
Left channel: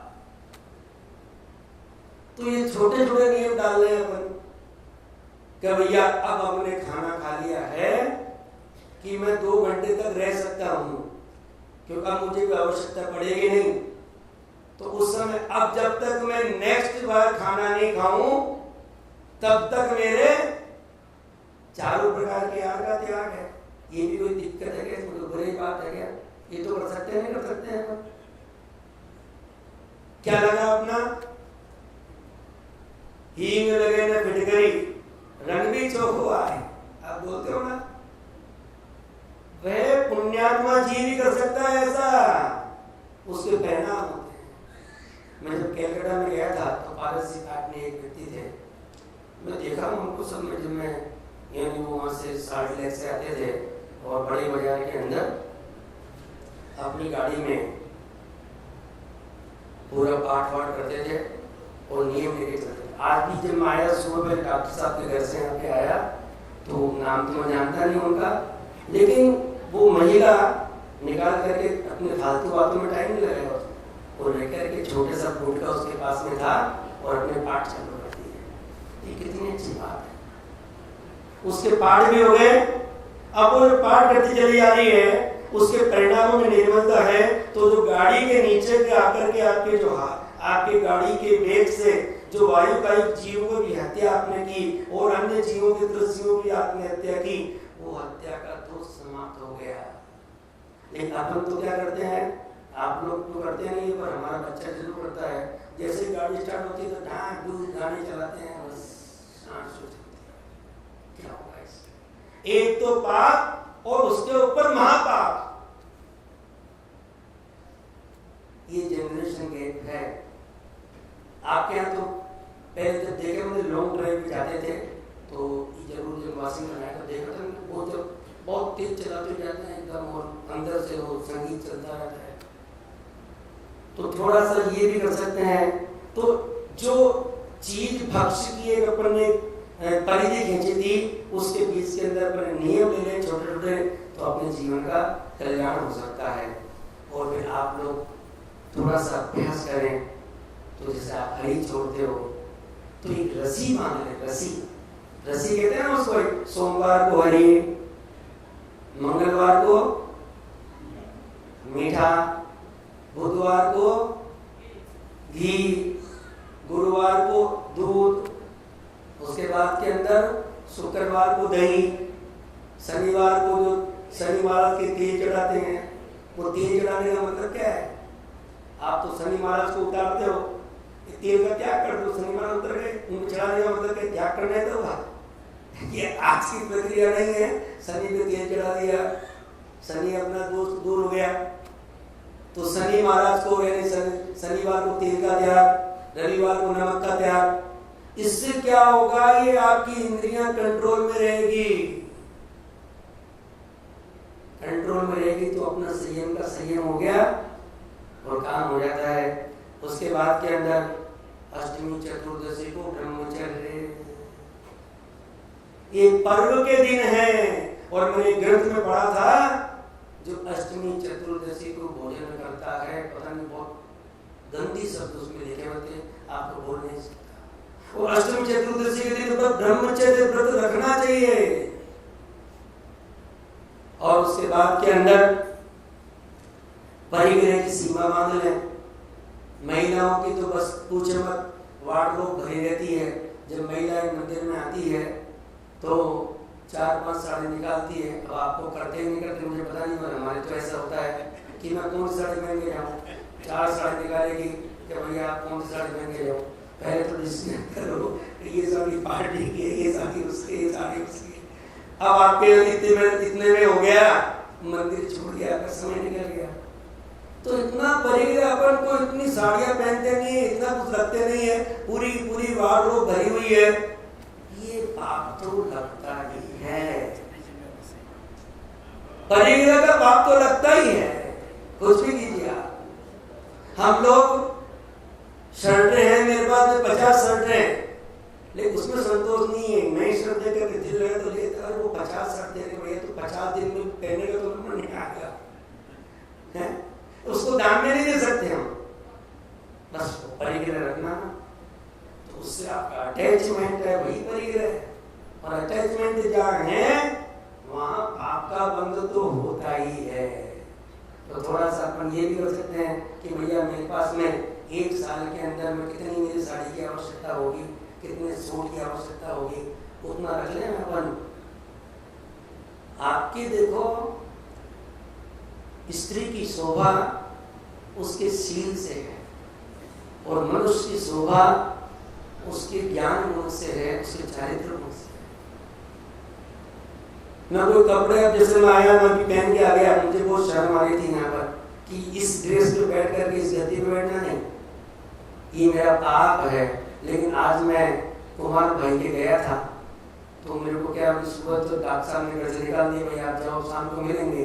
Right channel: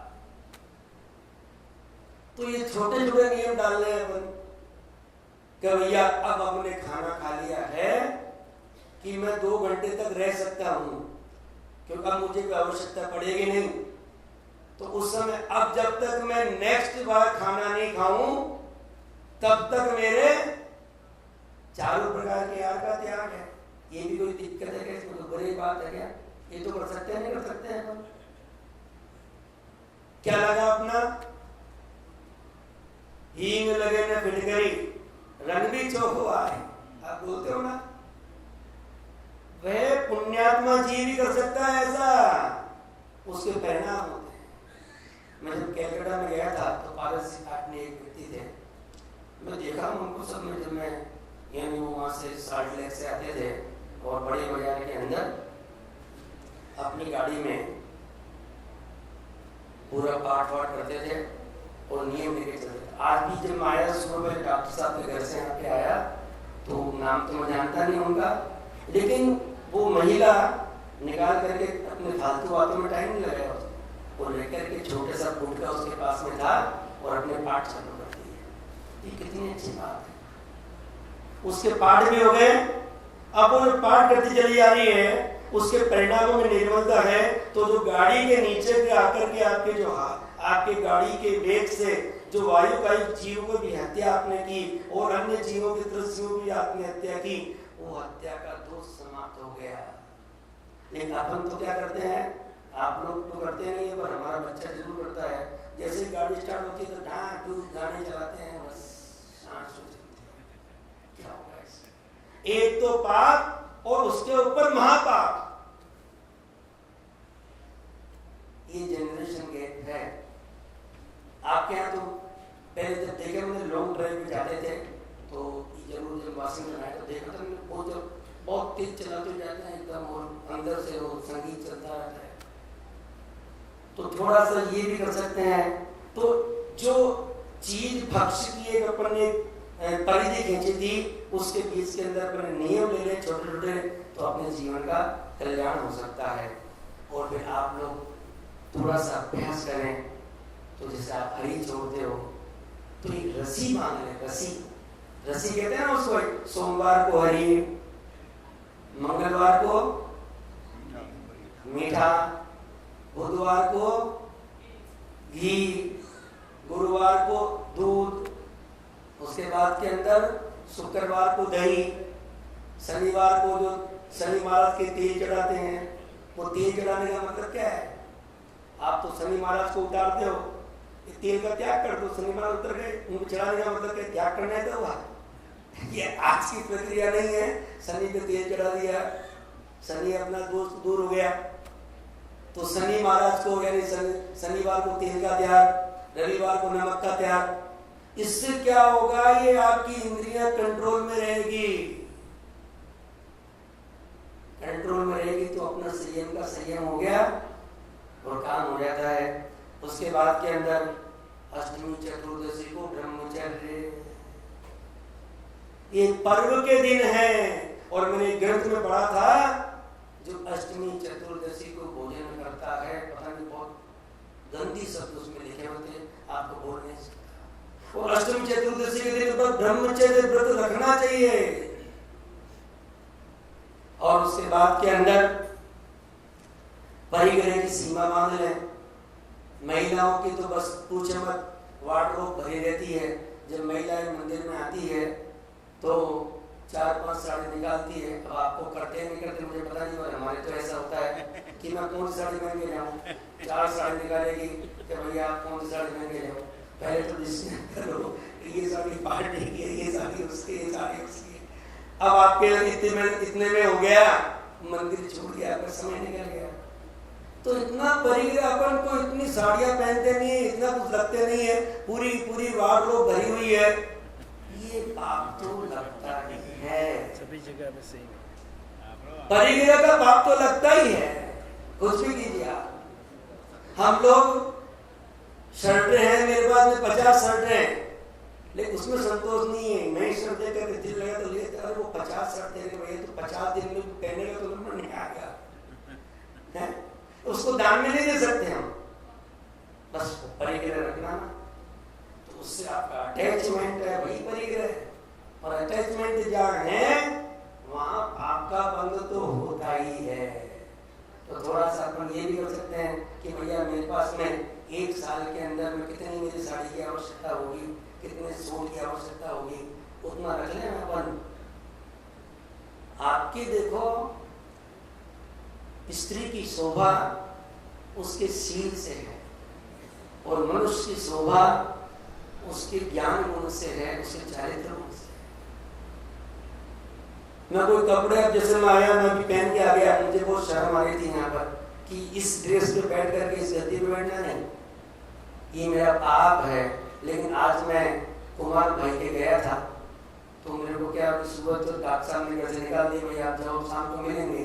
तो ये छोटे छोटे नियम डाल रहे हैं अपन कि भैया अब हमने खाना खा लिया है कि मैं 2 घंटे तक रह सकता हूं, क्योंकि अब मुझे कोई आवश्यकता पड़ेगी नहीं। तो उस समय अब जब तक मैं नेक्स्ट बार खाना नहीं खाऊं तब तक मेरे चारों प्रकार के आहार का त्याग है। ये भी कोई दिक्कत है क्या? इसमें तो बुरी बात है क्या? ये तो कर सकते हैं, नहीं कर सकते हैं? क्या लगा अपना? हींग लगे न फिटकरी, रंग भी चोखो आए, आप बोलते हो ना। वह पुण्यात्मा जीव भी कर सकता है ऐसा, उसके परिणाम होते हैं। मैं जब कलकत्ता में गया था तो पारसी घाट में एक व्यक्ति थे, मैं देखा उनको सब में, जब मैं यानी वहाँ से साल्ट लेक से आते थे और बड़े बाजार के अंदर अपनी गाड़ी में पूरा पाठ वाठ करते थे और नियम लेके चलते थे। आज भी जब मैं आया सुबह में डॉक्टर साहब के घर से यहाँ पे आया तो नाम तो मैं जानता नहीं उनका, लेकिन वो महिला निकाल करके अपने फालतू बातों में टाइम नहीं लगाया और लेकर के छोटे सा फूट का उसके पास में था और अपने पाठ चालू करती है। ये कितनी अच्छी बात है। उसके पाठ भी हो गए, अब वो पाठ करती चली जा रही है, उसके परिणामों में निर्मलता है। तो जो गाड़ी के नीचे के आकर के आपके जो आपके गाड़ी के वेग से जो वायुकायिक जीव को भी हत्या आपने की और अन्य जीवों के दृश्यों की आपने हत्या की, वो हत्या का दोष समाप्त हो गया। लेकिन अपन तो क्या करते हैं, आप लोग तो करते नहीं, पर हमारा बच्चा जरूर करता है। जैसे ही गाड़ी स्टार्ट होती है तो ढांक ढूंढ गाड़ी चलाते हैं, बस क्या होगा इससे? एक तो पाप और उसके ऊपर महापाप। ये जनरेशन गैप है। आपके यहाँ तो पहले जब देखे हमने लॉन्ग ड्राइव पे जाते थे तो जरूर जब वाशिंग में आया तो देखा था बहुत तेज चलाते जाते हैं एकदम, और अंदर से वो संगीत चलता रहता है। तो थोड़ा सा ये भी कर सकते हैं। तो जो चीज भक्ष्य की एक अपन ने परिधि खींची थी, उसके बीच के अंदर अपन नियम ले लें छोटे छोटे, तो अपने जीवन का कल्याण हो सकता है। और फिर आप लोग थोड़ा सा अभ्यास करें, तो जैसे आप हरी छोड़ते हो तो एक रसी मान लें। रसी कहते हैं ना उसको। सोमवार को हरी, मंगलवार को मीठा, बुधवार को घी, गुरुवार को दूध, उसके बाद के अंदर शुक्रवार को दही, शनिवार को जो शनि महाराज के तेल चढ़ाते हैं, वो तेल चढ़ाने का मतलब क्या है? आप तो शनि महाराज को उतारते हो, तेल का त्याग कर दो, शनि महाराज उतर गए, उनको चढ़ाने का मतलब क्या? त्याग करना है तो हुआ। ये आज की प्रक्रिया नहीं है। शनि पे तेल चढ़ा दिया, शनि अपना दोस्त दूर हो गया, तो शनि महाराज को यानी शनिवार को तेल का त्याग, रविवार को नमक का त्याग। इससे क्या होगा? ये आपकी इंद्रियां कंट्रोल में रहेगी। कंट्रोल में रहेगी तो अपना संयम का संयम हो गया और काम हो जाता है। उसके बाद के अंदर अष्टमी चतुर्दशी को ब्रह्मचर्य, ये पर्व के दिन है। और मैंने ग्रंथ में पढ़ा था, जो अष्टमी चतुर्दशी को भोजन करता है, पता नहीं बहुत गंदी शब्द उसमें लिखे होते हैं, आपको बोल नहीं सकता। और अष्टमी चतुर्दशी के दिन पर ब्रह्मचर्य व्रत रखना चाहिए। और उसके बाद के अंदर परिग्रह की सीमा बांध लें। महिलाओं की तो बस पूछे मत, वार्डरोब भरी रहती है। जब महिलाएं मंदिर में आती है तो 4-5 साड़ी निकालती है। अब आपको करते नहीं करते मुझे पता नहीं, और हमारे तो ऐसा होता है कि मैं कौन सी साड़ी पहन के जाऊँ, 4 साड़ी निकालेगी कि भैया आप कौन सी साड़ी पहन के जाओ, पहले तो डिस्कस करो ये साड़ी पार्टी की है, ये साड़ी उसकी, ये साड़ी उसकी। अब आपके इतने में हो गया, मंदिर छूट गया, आपका समय निकल गया। तो इतना परिग्रह अपन को, इतनी साड़ियां पहनते नहीं है, इतना कुछ रखते नहीं है, पूरी पूरी वार्डरोब भरी हुई है, ये पाप तो लगता ही है। परिग्रह का पाप तो लगता ही है, कुछ भी कीजिए आप। हम लोग शर्टें हैं, मेरे पास में 50 शर्टें हैं, लेकिन उसमें संतोष नहीं है। नई शर्ट देकर के दिल लगा तो लेते, अरे वो 50 शर्ट देने भैया तो 50 दिन में पहनने का तो नंबर नहीं आ गया है, उसको दान में नहीं दे सकते हम, बस परिग्रह रखना ना, तो उससे आपका अटैचमेंट है, वही परिग्रह है। और अटैचमेंट जहाँ है वहां आपका बंध तो होता ही है। तो थोड़ा सा अपन ये भी कर सकते हैं कि भैया मेरे पास में 1 साल के अंदर में कितनी मेरी साड़ी की आवश्यकता होगी, कितने सूट की आवश्यकता होगी, उतना रख लें अपन। आपकी देखो स्त्री की शोभा उसके शील से है, और मनुष्य की शोभा उसके ज्ञान गुण से है, उसके चारित्र गुण से है। मैं कोई कपड़े, अब जैसे मैं आया, मैं भी पहन के आ गया, मुझे बहुत शर्म आ रही थी यहाँ पर कि इस ड्रेस पे बैठ करके इस गद्दी पे बैठना नहीं, ये मेरा पाप है। लेकिन आज मैं कुमार भाई के गया था, तो मेरे को क्या, सुबह तो डॉक्टर साहब ने घर से निकाल दिया, भाई आप जाओ शाम को मिलेंगे,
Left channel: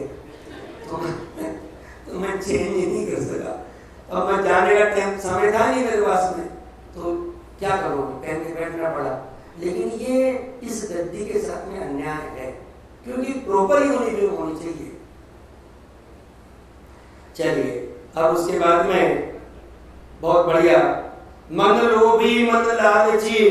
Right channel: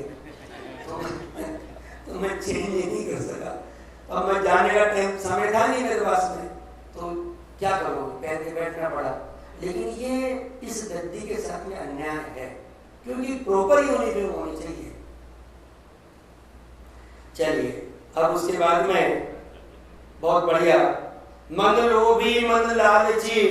तो मैं चेंज ही नहीं कर सका। अब मैं जाने का टाइम समय था नहीं मेरे पास में, तो क्या करूँगा, पहन के बैठना पड़ा। लेकिन ये इस गद्दी के साथ में अन्याय है, क्योंकि प्रॉपर यूनिफॉर्म होनी चाहिए। चलिए अब उसके बाद में बहुत बढ़िया, मन लोभी मन लालची,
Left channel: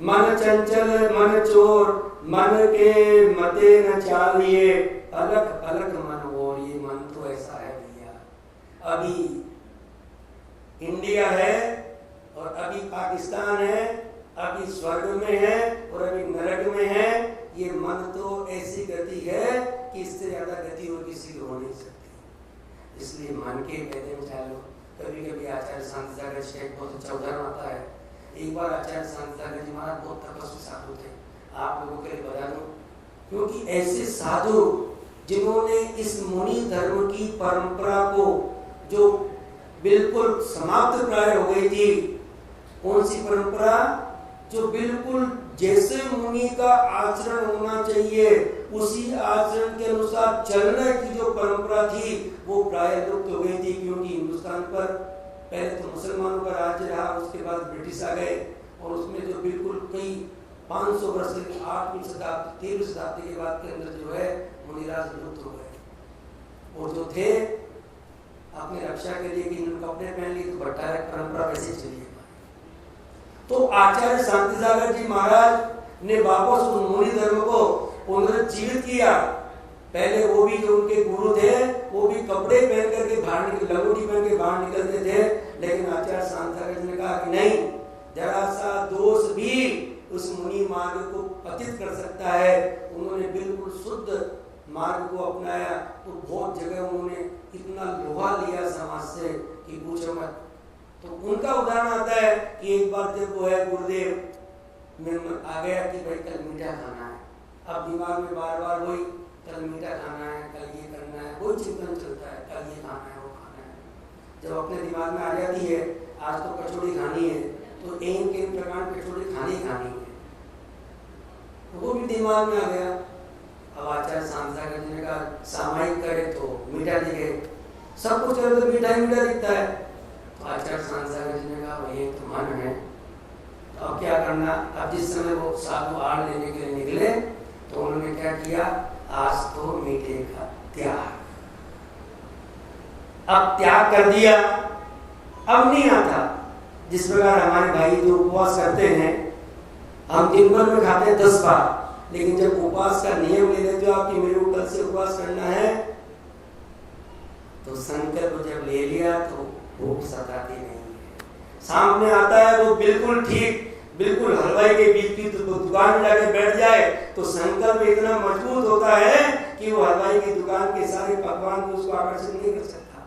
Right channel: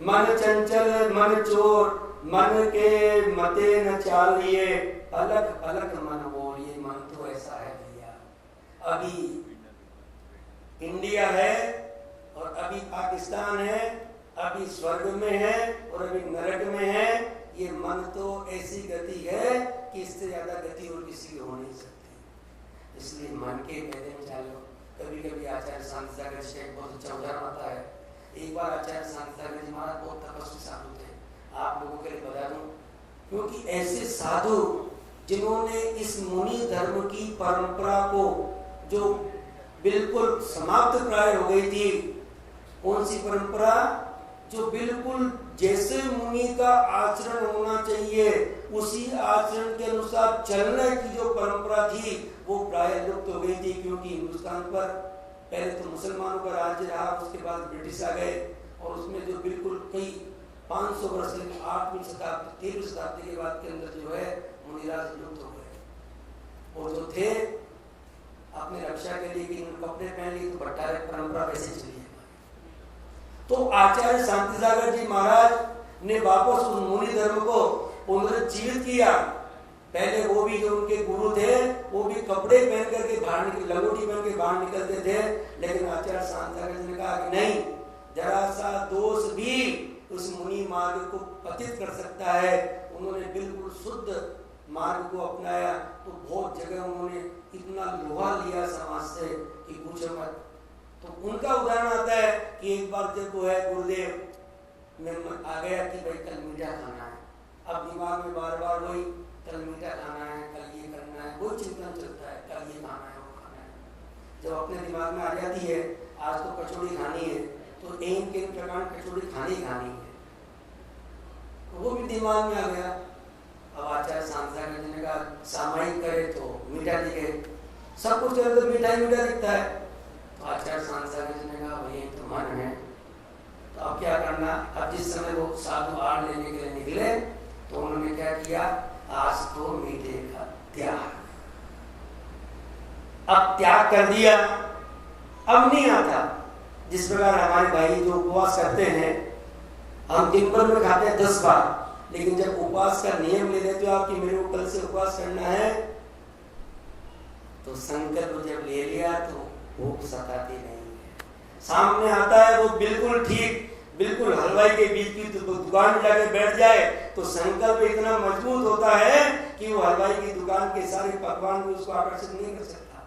मन चंचल मन चोर, मन के मते न चालिए, अलग अलग मन बोलिए। मन तो ऐसा है भैया, अभी इंडिया है और अभी पाकिस्तान है, अभी स्वर्ग में है और अभी नरक में है। ये मन तो ऐसी गति है कि इससे ज्यादा गति और किसी की हो नहीं सकती। इसलिए मन के कहते हैं चालो। कभी कभी आचार्य शांति सागर जी का एक बहुत अच्छा उदाहरण आता है। एक बार आचार्य शांति सागर जी महाराज बहुत तपस्वी साधु थे, आप लोगों के लिए बता दूं, क्योंकि ऐसे साधु जिन्होंने इस मुनि धर्म की परंपरा को, जो बिल्कुल समाप्त प्राय हो गई थी, कौन सी परंपरा, जो बिल्कुल जैसे मुनि का आचरण होना चाहिए उसी आचरण के अनुसार चलने की जो परंपरा थी, वो प्राय लुप्त हो गई थी। क्योंकि हिंदुस्तान पर पहले तो मुसलमानों का राज्य रहा, उसके बाद ब्रिटिश आ गए, और उसमें जो बिल्कुल कई 500 वर्ष की 8वीं शताब्दी 13वीं शताब्दी के बाद के अंदर जो है मुनिराज लुप्त हो गए। और जो थे अपनी रक्षा के लिए कि कपड़े पहन लिए, तो भट्टार परंपरा वैसे चली है। तो आचार्य शांति सागर जी महाराज ने वापस उस मुनि धर्म को पुनर्जीवित किया। पहले वो भी जो उनके गुरु थे वो भी कपड़े पहन करके बाहर निकल, लंगोटी पहन के बाहर निकलते थे, लेकिन आचार्य शांति सागर जी ने कहा कि नहीं, जरा सा दोष भी उस मुनि मार्ग को पतित कर सकता है। उन्होंने बिल्कुल शुद्ध मार्ग को अपनाया, तो बहुत जगह उन्होंने इतना लोहा लिया समाज से कि पूछो मत। तो उनका उदाहरण आता है कि एक बार जब वो है गुरुदेव में आ गया कि भाई कल मीठा खाना है, अब दिमाग में बार बार वही कल मीठा खाना है, कल ये करना है, वही चिंतन चलता है, कल ये खाना है, वो खाना है। जब अपने दिमाग में आ जाती है आज तो कचौड़ी खानी है, तो एक एक प्रकार कचौड़ी खानी है, वो भी दिमाग में आ गया। अब आचार्य शांति सागर जी ने कहा सामायिक करे तो मीठा दिखे, सब कुछ करे तो मीठा ही मीठा दिखता है। तो आचार्य शांति सागर जी ने कहा भाई तो मन है, तो अब क्या करना। अब जिस समय वो साधु आड़ लेने के लिए निकले, तो उन्होंने क्या किया, आज तो मीठे का त्याग। अब त्याग कर दिया, अब नहीं आता। जिस प्रकार हमारे भाई जो उपवास करते हैं, हम दिन भर में खाते हैं 10 बार, लेकिन जब उपवास का नियम ले लेते हो आप कि मेरे को कल से उपवास करना है, तो संकल्प जब ले लिया तो भूख सताती नहीं है। सामने आता है वो बिल्कुल ठीक, बिल्कुल हलवाई के बीच की दुकान में जाके बैठ जाए तो संकल्प इतना मजबूत होता है कि वो हलवाई की दुकान के सारे पकवान को उसको आकर्षित नहीं कर सकता।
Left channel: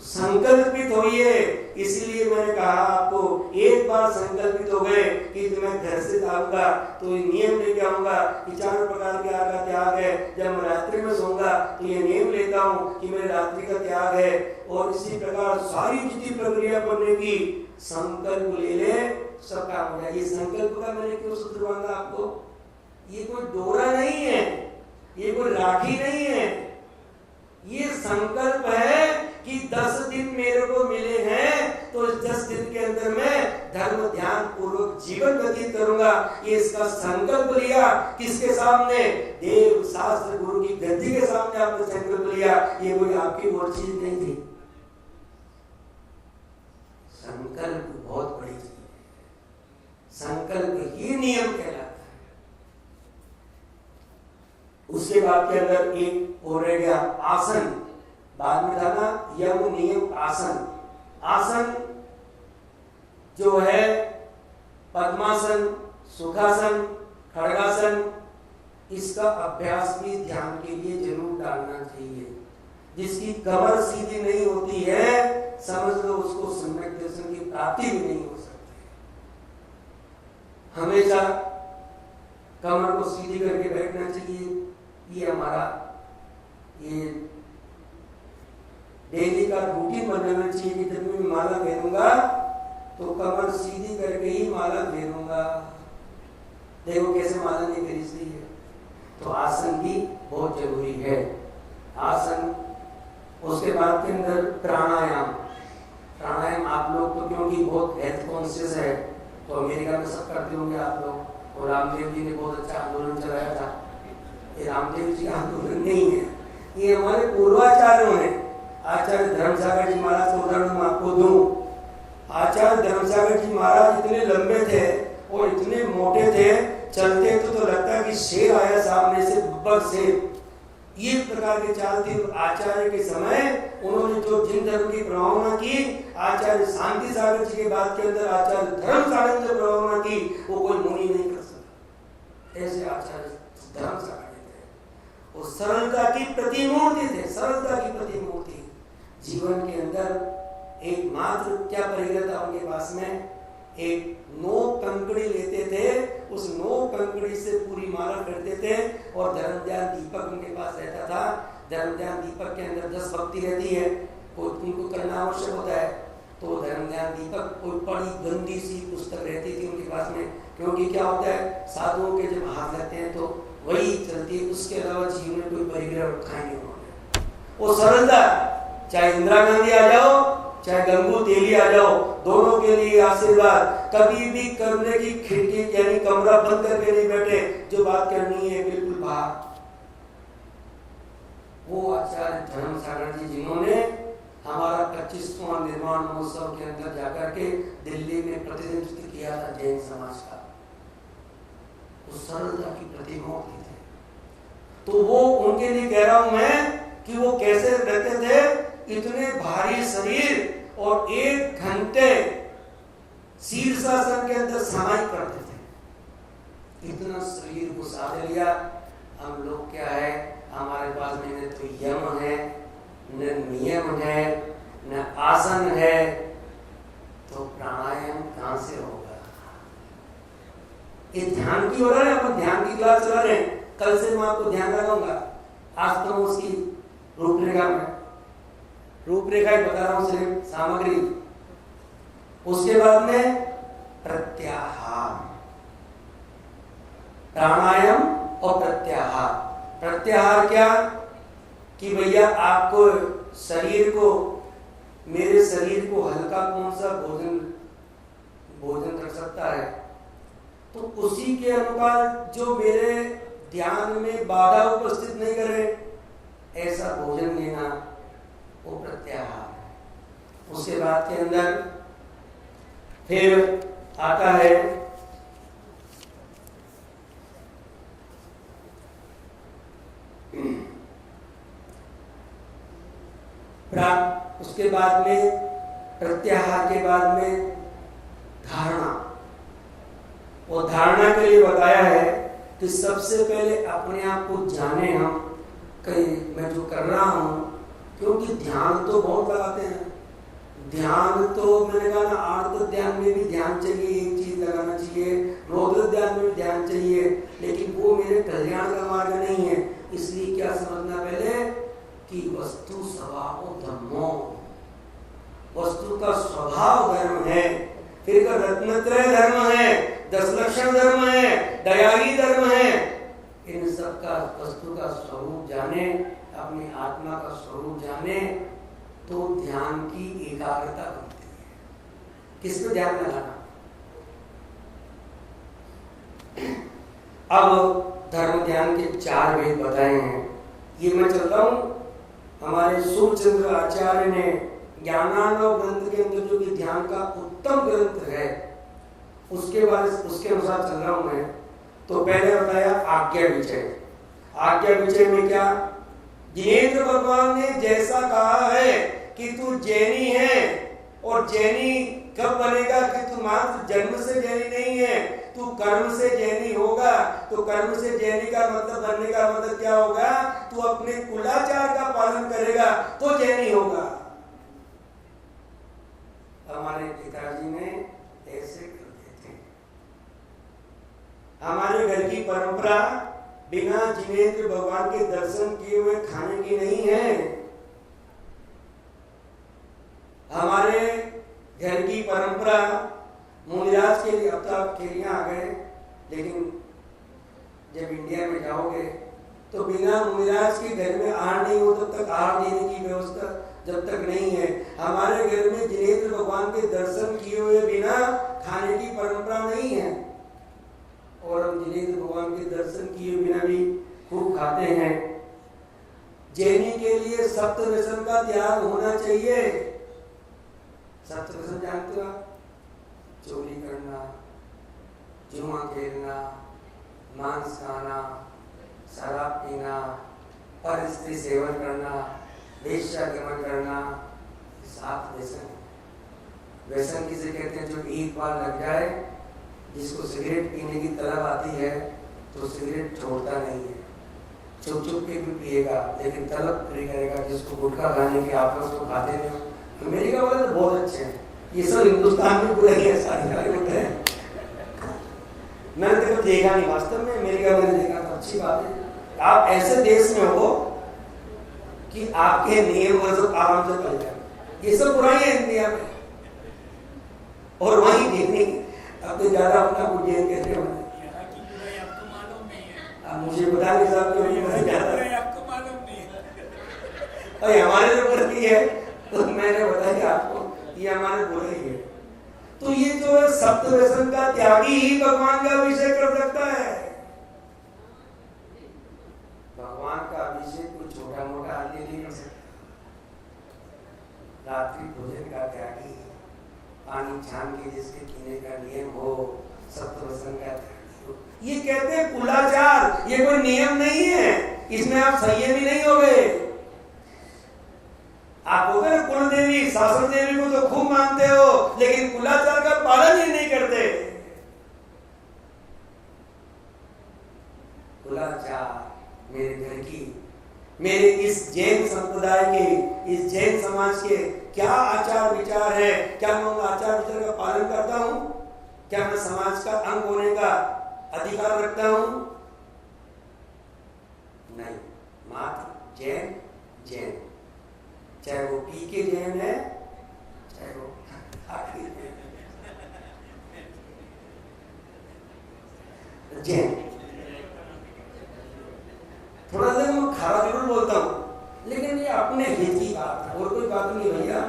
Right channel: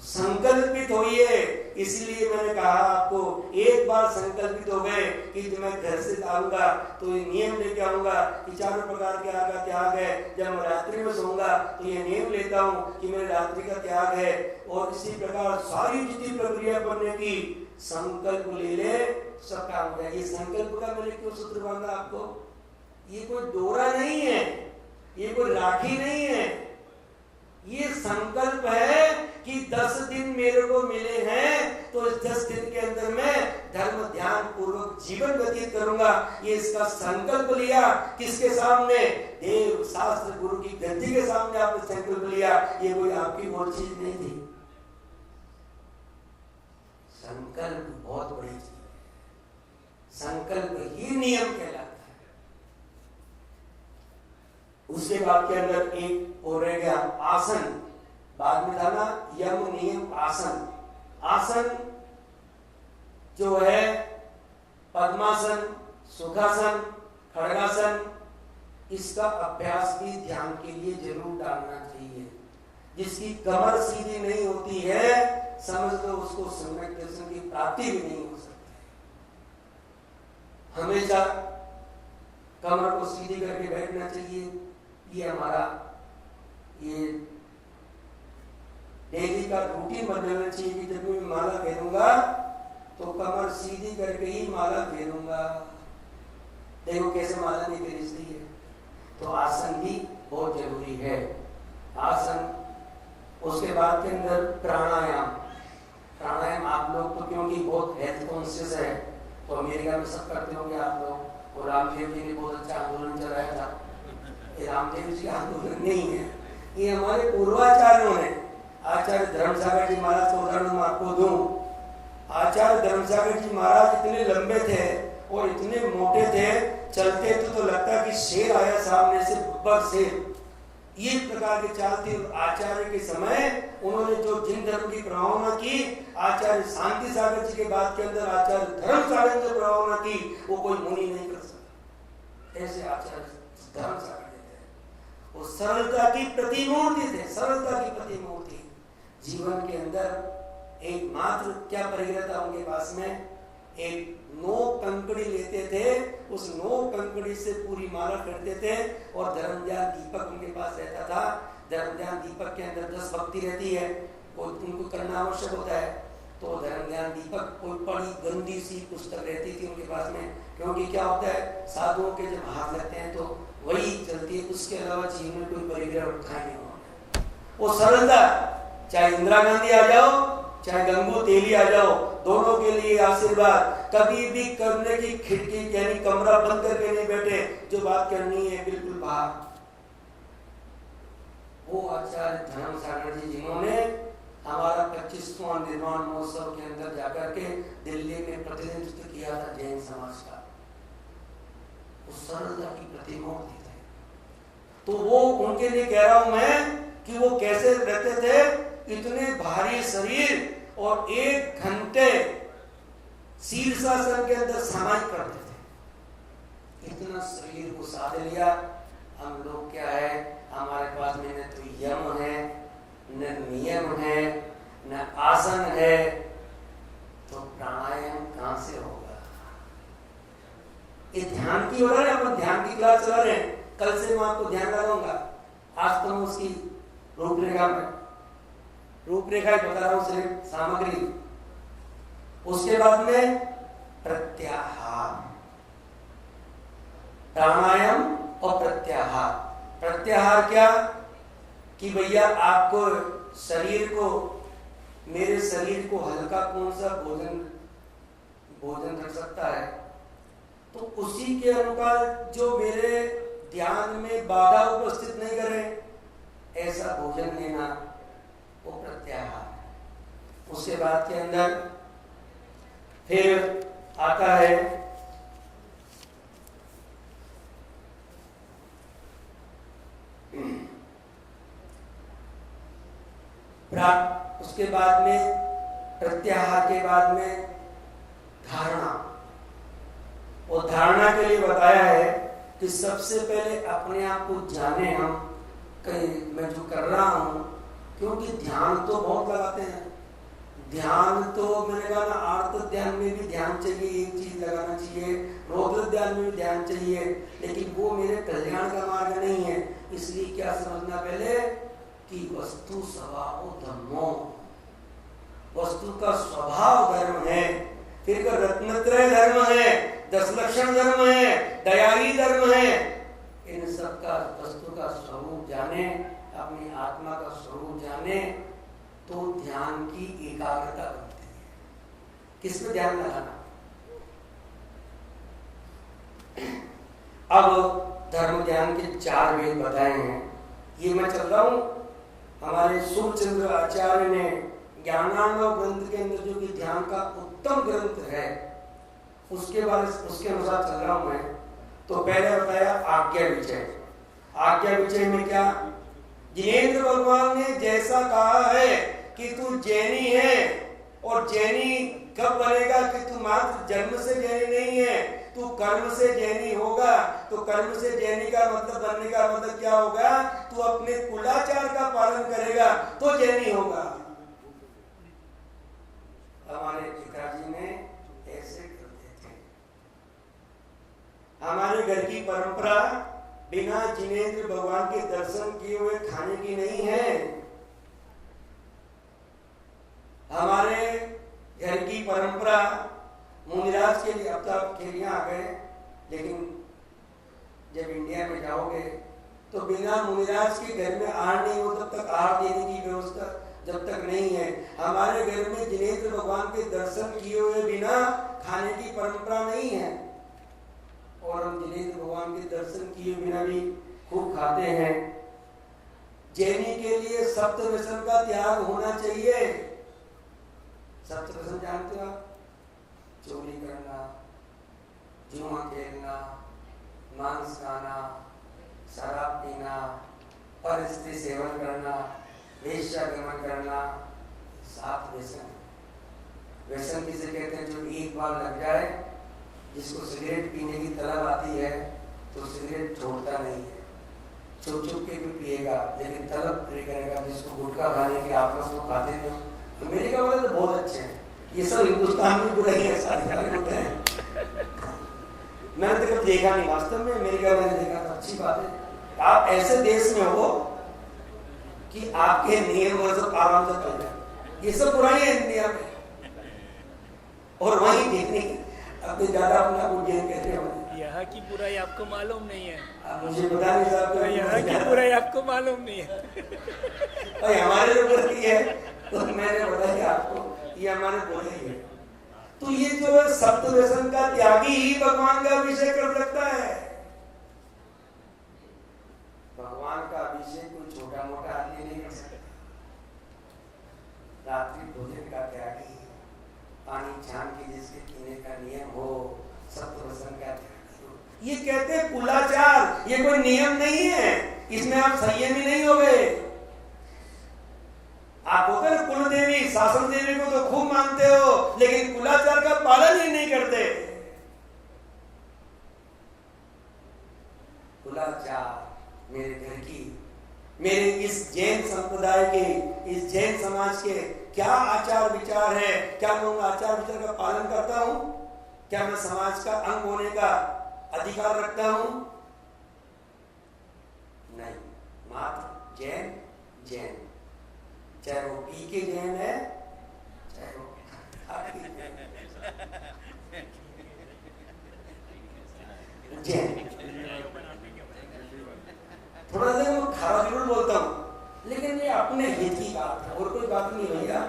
संकल्पित होइए। इसलिए मैंने कहा आपको, एक बार संकल्पित हो गए कि मैं घर से आऊंगा तो ये नियम लेके आऊंगा कि चारों प्रकार के आग का त्याग है। जब मैं रात्रि में सोऊंगा तो ये नियम लेता हूँ कि मेरे रात्रि का त्याग है। और इसी प्रकार सारी जितनी प्रक्रिया करने की संकल्प ले ले, सब काम हो जाए। ये संकल्प का मैंने क्यों सूत्र बांधा आपको? ये कोई डोरा नहीं है, ये कोई राखी नहीं है, ये संकल्प है कि 10 दिन मेरे को मिले हैं तो इस 10 दिन के अंदर मैं धर्म ध्यान पूर्वक जीवन व्यतीत करूंगा। ये इसका संकल्प लिया। किसके सामने? देव शास्त्र गुरु की गद्दी के सामने आपने संकल्प लिया। ये कोई आपकी और चीज नहीं थी। संकल्प बहुत बड़ी चीज है। संकल्प ही नियम कहलाता है। उसके बाद के अंदर एक और रह गया आसन। बाद में था ना यम नियम आसन। आसन जो है पद्मासन, सुखासन, खड़गासन, इसका अभ्यास भी ध्यान के लिए जरूर डालना चाहिए। जिसकी कमर सीधी नहीं होती है, समझ लो उसको सम्यक दर्शन की प्राप्ति भी नहीं हो सकती। हमेशा कमर को सीधी करके बैठना चाहिए। ये हमारा ये डेली का रूटीन बन जाना चाहिए कि जब मैं माला पहनूंगा तो कमर सीधी करके ही माला पहनूंगा। देखो कैसे माला नहीं पहनती है। तो आसन भी बहुत जरूरी है। आसन, उसके बाद के अंदर प्राणायाम। प्राणायाम आप लोग तो क्योंकि बहुत हेल्थ कॉन्शियस है तो अमेरिका में सब करते होंगे आप लोग। और रामदेव जी ने बहुत अच्छा आंदोलन चलाया था। ये रामदेव जी का आंदोलन नहीं है, ये हमारे पूर्वाचार्यों ने। आचार्य धर्मसागर जी महाराज को उदाहरण मैं आपको दूं। आचार्य धर्मसागर जी महाराज इतने लंबे थे और इतने मोटे थे, चलते तो लगता कि शेर आया सामने से, बब्बर शेर। ये प्रकार की चाल थी आचार्य के समय। उन्होंने जो जिन धर्म की प्रभावना की, आचार्य शांति सागर जी के बाद के अंदर आचार्य धर्मसागर जो प्रभावना की वो कोई मुनि नहीं कर सकता। ऐसे आचार्य धर्मसागर थे। वो सरलता की प्रतिमूर्ति थे, सरलता की प्रतिमूर्ति। जीवन के अंदर एकमात्र क्या परिग्रह था उनके पास में? एक नोक कंकड़ी लेते थे, उस नोक कंकड़ी से पूरी माला करते थे। और धर्म ध्यान दीपक उनके पास रहता था। धर्म ध्यान दीपक के अंदर 10 भक्ति रहती है, उनको करना आवश्यक होता है। तो धर्म ध्यान दीपक कोई बड़ी गंदी सी पुस्तक रहती थी उनके पास में। क्योंकि क्या होता है, साधुओं के जब हाथ लगते हैं तो वही चलती है, उसके अलावा जीवन में कोई परिग्रह रखा नहीं होता। वो सरलता, चाहे इंदिरा गांधी आ जाओ चाहे गंगू तेली आ जाओ, दोनों के लिए आशीर्वाद। कभी भी कमरे की खिड़की यानी कमरा बंद करके नहीं बैठे, जो बात करनी है बिल्कुल बाहर। वो आचार्य धर्मसागर जी जिन्होंने हमारा 25वां निर्माण महोत्सव के अंदर जाकर के दिल्ली में प्रतिनिधित्व किया था जैन समाज का। उस सरलता की प्रतिमूर्ति थे। तो वो उनके लिए कह रहा हूं मैं कि वो कैसे रहते थे। इतने भारी शरीर और 1 घंटे शीर्षासन के अंदर समाहित करते थे। इतना शरीर को साध लिया। हम लोग क्या है, हमारे पास में न तो यम है, न नियम है, न आसन है, तो प्राणायाम कहां से होगा? ये ध्यान की हो रहा है, अपन ध्यान की क्लास चला रहे हैं। कल से मैं आपको ध्यान लगाऊंगा। आज तो मैं उसकी रूपरेखा ही बता रहा हूं, सिर्फ सामग्री। उसके बाद में प्रत्याहार, प्राणायाम और प्रत्याहार। प्रत्याहार क्या कि भैया आपको शरीर को, मेरे शरीर को हल्का कौन सा भोजन कर सकता है, तो उसी के अनुसार जो मेरे ध्यान में बाधा उपस्थित नहीं करे ऐसा भोजन लेना, वो प्रत्याहार है। उसके बाद के अंदर फिर आता है उसके बाद में प्रत्याहार के बाद में धारणा। वो धारणा के लिए बताया है कि सबसे पहले अपने आप को जाने हम, कहीं मैं जो कर रहा हूं, क्योंकि ध्यान तो बहुत लगाते हैं, ध्यान तो मैंने कहा ना, आर्त ध्यान में भी ध्यान चाहिए, एक चीज लगाना चाहिए, रौद्र ध्यान में भी ध्यान चाहिए, लेकिन वो मेरे कल्याण का मार्ग नहीं है। इसलिए क्या समझना पहले कि वस्तु स्वभाव धर्मो, वस्तु का स्वभाव धर्म है, फिर का रत्नत्रय धर्म है, 10 लक्षण धर्म है, दयाही धर्म है। इन सब का वस्तु का स्वरूप जाने, अपनी आत्मा का स्वरूप जाने, तो ध्यान की एकाग्रता बनती है। किस पे ध्यान लगाना? अब धर्म ध्यान के 4 भेद बताए हैं। ये मैं चल रहा हूं, हमारे सूर्यचंद्र आचार्य ने ज्ञानार्णव ग्रंथ के अंदर जो कि ध्यान का उत्तम ग्रंथ है, उसके अनुसार चल रहा हूं मैं। तो पहले बताया आज्ञा विचय। आज्ञा विचय में क्या? जिनेंद्र भगवान ने जैसा कहा है कि तू जैनी है, और जैनी कब बनेगा कि तू मात्र जन्म से जैनी नहीं है, तू कर्म से जैनी होगा। तो कर्म से जैनी का मतलब बनने का मतलब क्या होगा? तू अपने कुलाचार का पालन करेगा तो जैनी होगा। हमारे पिताजी ने ऐसे करते थे। हमारे घर की परंपरा बिना जिनेंद्र भगवान के दर्शन किए हुए खाने की नहीं है। हमारे घर की परंपरा मुनिराज के लिए, अब तो आप खेलियां आ गए, लेकिन जब इंडिया में जाओगे तो बिना मुनिराज के घर में आहार नहीं हो तब तक आहार देने की व्यवस्था जब तक नहीं है। हमारे घर में जिनेंद्र भगवान के दर्शन किए हुए बिना खाने की परंपरा नहीं है, और हम जिनेंद्र भगवान के दर्शन किए बिना भी खूब खाते हैं। जैनी के लिए सप्त व्यसन का त्याग होना चाहिए। सप्त व्यसन जानते हो आप? चोरी करना, जुआ खेलना, मांस खाना, शराब पीना, पर स्त्री सेवन करना, वेश्यागमन करना, 7 व्यसन। व्यसन किसे कहते हैं? जो एक बार लग जाए, जिसको सिगरेट पीने की तलब आती है तो सिगरेट छोड़ता नहीं है, छुप छुप के भी पिएगा, लेकिन तलब पूरी करेगा। जिसको गुटखा खाने के आपस में खाते हैं, अमेरिका वाले तो बहुत अच्छे हैं, ये सब हिंदुस्तान में बुरे हैं, सारे होते हैं। मैंने तो कभी देखा नहीं, वास्तव में अमेरिका में देखा था। अच्छी बात है, आप ऐसे देश में हो कि आपके नियम और सब आराम से चल जाए। ये सब बुराई है इंडिया में, और वहीं देखने अब तो ज्यादा अपना उज्जैन कहते हो। यहाँ की बुराई आपको मालूम नहीं है। मुझे बता नहीं साहब, यहाँ की बुराई आपको मालूम नहीं है। और हमारे जो बुराई है तो मैंने बताया आपको, ये हमारे बुराई है। तो ये जो है सप्त व्यसन का त्यागी ही भगवान का अभिषेक कर सकता है। भगवान का अभिषेक कोई छोटा मोटा आदमी नहीं कर सकता। रात्रि भोजन का त्यागी, पानी छान के जिसके पीने का नियम हो, सप्त व्यसन का त्यागी हो। ये कहते हैं कुलाचार, ये कोई नियम नहीं है, इसमें आप संयमी नहीं हो गए। आप होते ना कुल देवी, शासन देवी को तो खूब मानते हो, लेकिन कुलाचार का पालन ही नहीं करते। कुलाचार मेरे घर की, मेरे इस जैन संप्रदाय के, इस जैन समाज के क्या आचार विचार है? क्या मैं उन आचार विचार का पालन करता हूं? क्या मैं समाज का अंग होने का अधिकार रखता हूं? नहीं, मात्र जैन जैन, चाहे वो पी के जैन है, चाहे वो जैन। थोड़ा सा मैं खरा जरूर बोलता हूं, लेकिन ये अपने हित की बात है, और कोई बात नहीं भैया।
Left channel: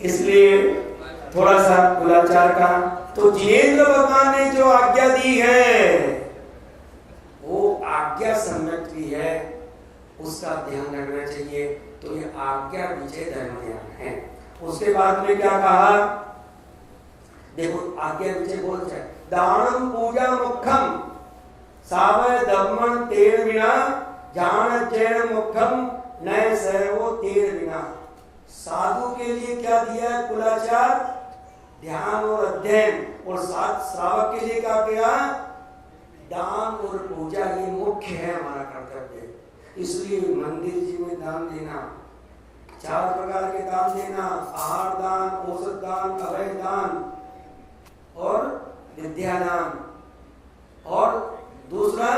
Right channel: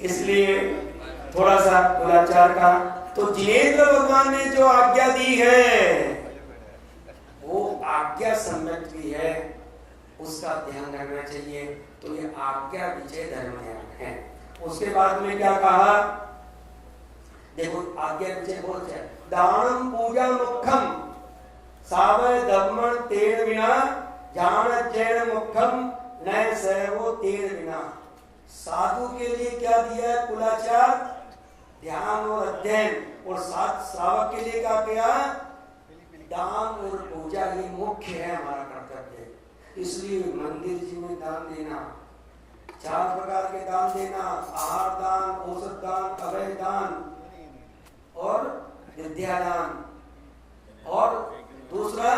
इसलिए थोड़ा सा कुलाचार का। तो जिनेंद्र भगवान ने जो आज्ञा दी है वो आज्ञा सम्यक भी है, उसका ध्यान रखना चाहिए। तो ये आज्ञा विजय धर्म ध्यान है। उसके बाद में क्या कहा? देखो आज्ञा विजय बोल जाए, दानम पूजा मुखम सावय दमन तेर बिना, जान जैन मुखम नय सहवो तेर बिना। साधु के लिए क्या दिया है? कुलाचार, ध्यान और अध्ययन, और साथ श्रावक के लिए क्या किया? दान और पूजा। ये मुख्य है हमारा कर्तव्य। इसलिए मंदिर जी में दान देना, 4 प्रकार के दान देना, आहार दान, औषध दान, अभय दान और विद्यादान। और दूसरा,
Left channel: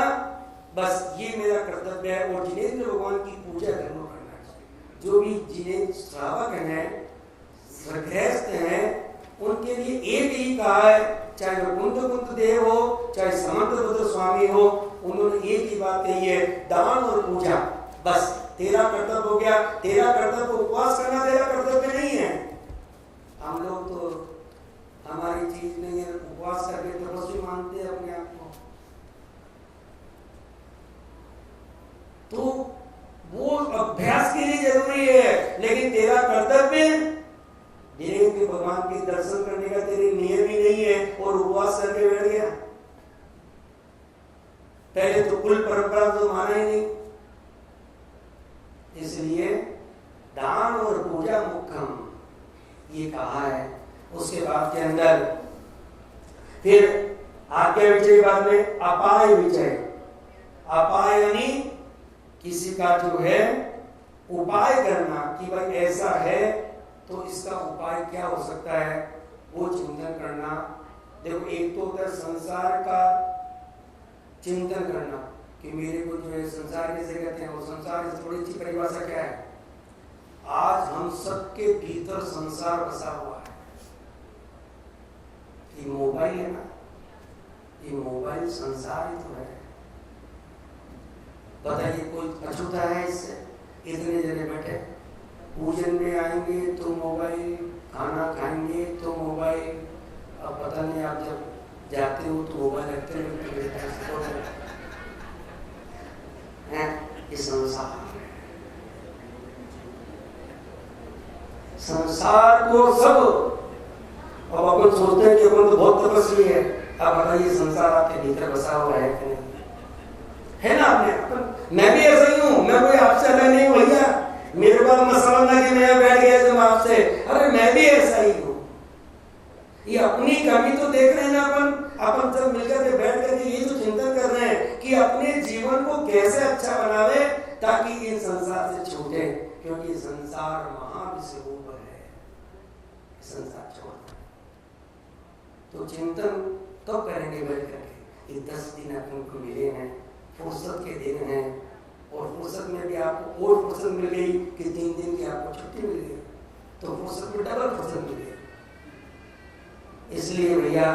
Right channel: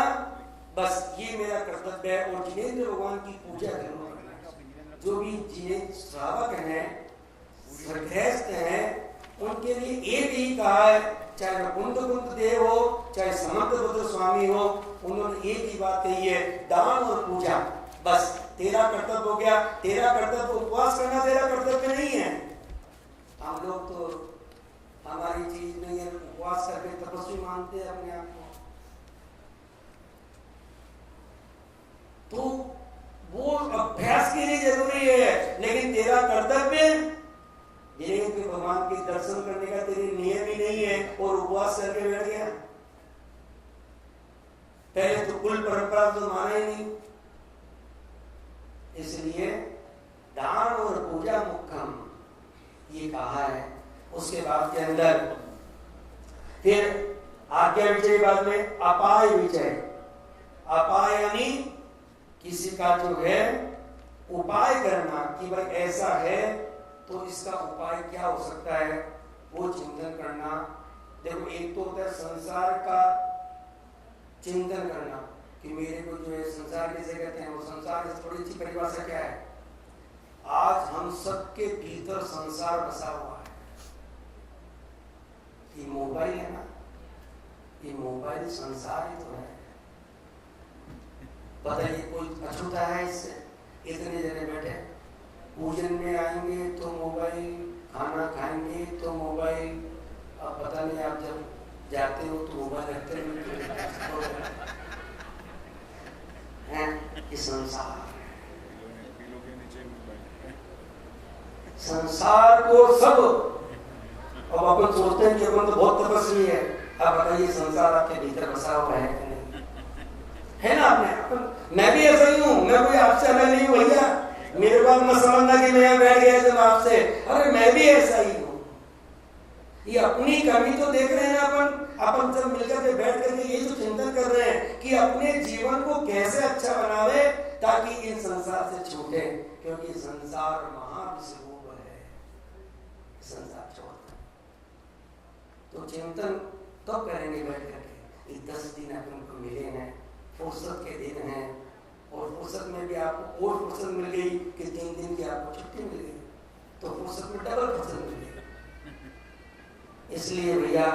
बस ये मेरा कर्तव्य है। और जिनेंद्र भगवान की पूजा जरूर करना चाहिए। जो भी जिनेंद्र श्रावक हैं, गृहस्थ हैं, उनके लिए एक ही कहा है, चाहे वो कुंद देव हो, चाहे समंतभद्र स्वामी हो, उन्होंने एक ही बात कही है, दान और पूजा। बस तेरा कर्तव्य हो गया। तेरा कर्तव्य उपवास करना तेरा कर्तव्य नहीं है। हम लोग तो हमारी चीज नहीं है, उपवास करके तपस्वी मानते हैं अपने आप को। तो वो अभ्यास के लिए जरूरी है, लेकिन तेरा कर्तव्य के भगवान के दर्शन करने का तेरे नियम ही नहीं है और उपवास करके बैठ गया। पहले तो कुल परंपरा तो माना ही नहीं। इसलिए दान और पूजा मुख्यम ये कहा है। उसके बाद के अंदर फिर आज्ञा विजय, बाद में अपाय विजय। अपाय यानी किसी का जो है उपाय करना कि भाई ऐसा है तो इसका उपाय क्या हो सकता है, वो चिंतन करना। देखो, एक तो होता है संसार का चिंतन करना कि मेरे को जो है संसार कैसे कहते हैं, वो संसार की थोड़ी सी परिभाषा क्या है। आज हम सबके भीतर संसार बसा हुआ है। ये मोबाइल है ना, ये मोबाइल संसार ही तो है। बताइए कोई अछूता है इससे? इतने जने बैठे, पूजन में आएंगे तो मोबाइल, खाना खाएंगे तो मोबाइल। अब पता नहीं आप जब जाते हो तो मोबाइल रखते हैं। ये संसार को सब, अब अपन सोचते हैं कि अपन तो बहुत तपस्वी है। अब बताइए संसार आपके भीतर बसा हुआ है कि नहीं? है ना? मैं भी ऐसा ही हूँ। मैं कोई आपसे अलग नहीं हूँ भैया। मेरे बात मत समझना कि मैं बैठ गया तुम आपसे। अरे मैं भी ऐसा ही हूँ। ये अपनी कमी तो देख रहे हैं ना अपन सब मिलकर के बैठ करके ये जो चिंतन कर रहे हैं कि अपने जीवन को कैसे अच्छा बनावे ताकि इन संसार से छूटे, क्योंकि संसार महाविश्वरूप है। संसार छोड़ना तो चिंतन तो करेंगे बैठ करके। ये 10 दिन अपन को मिले हैं, फुर्सत के दिन हैं, और फुर्सत में भी आपको और फुर्सत मिल गई कि 3 दिन की आपको छुट्टी मिल गई, तो फुर्सत में डबल फुर्सत मिल गई। इसलिए भैया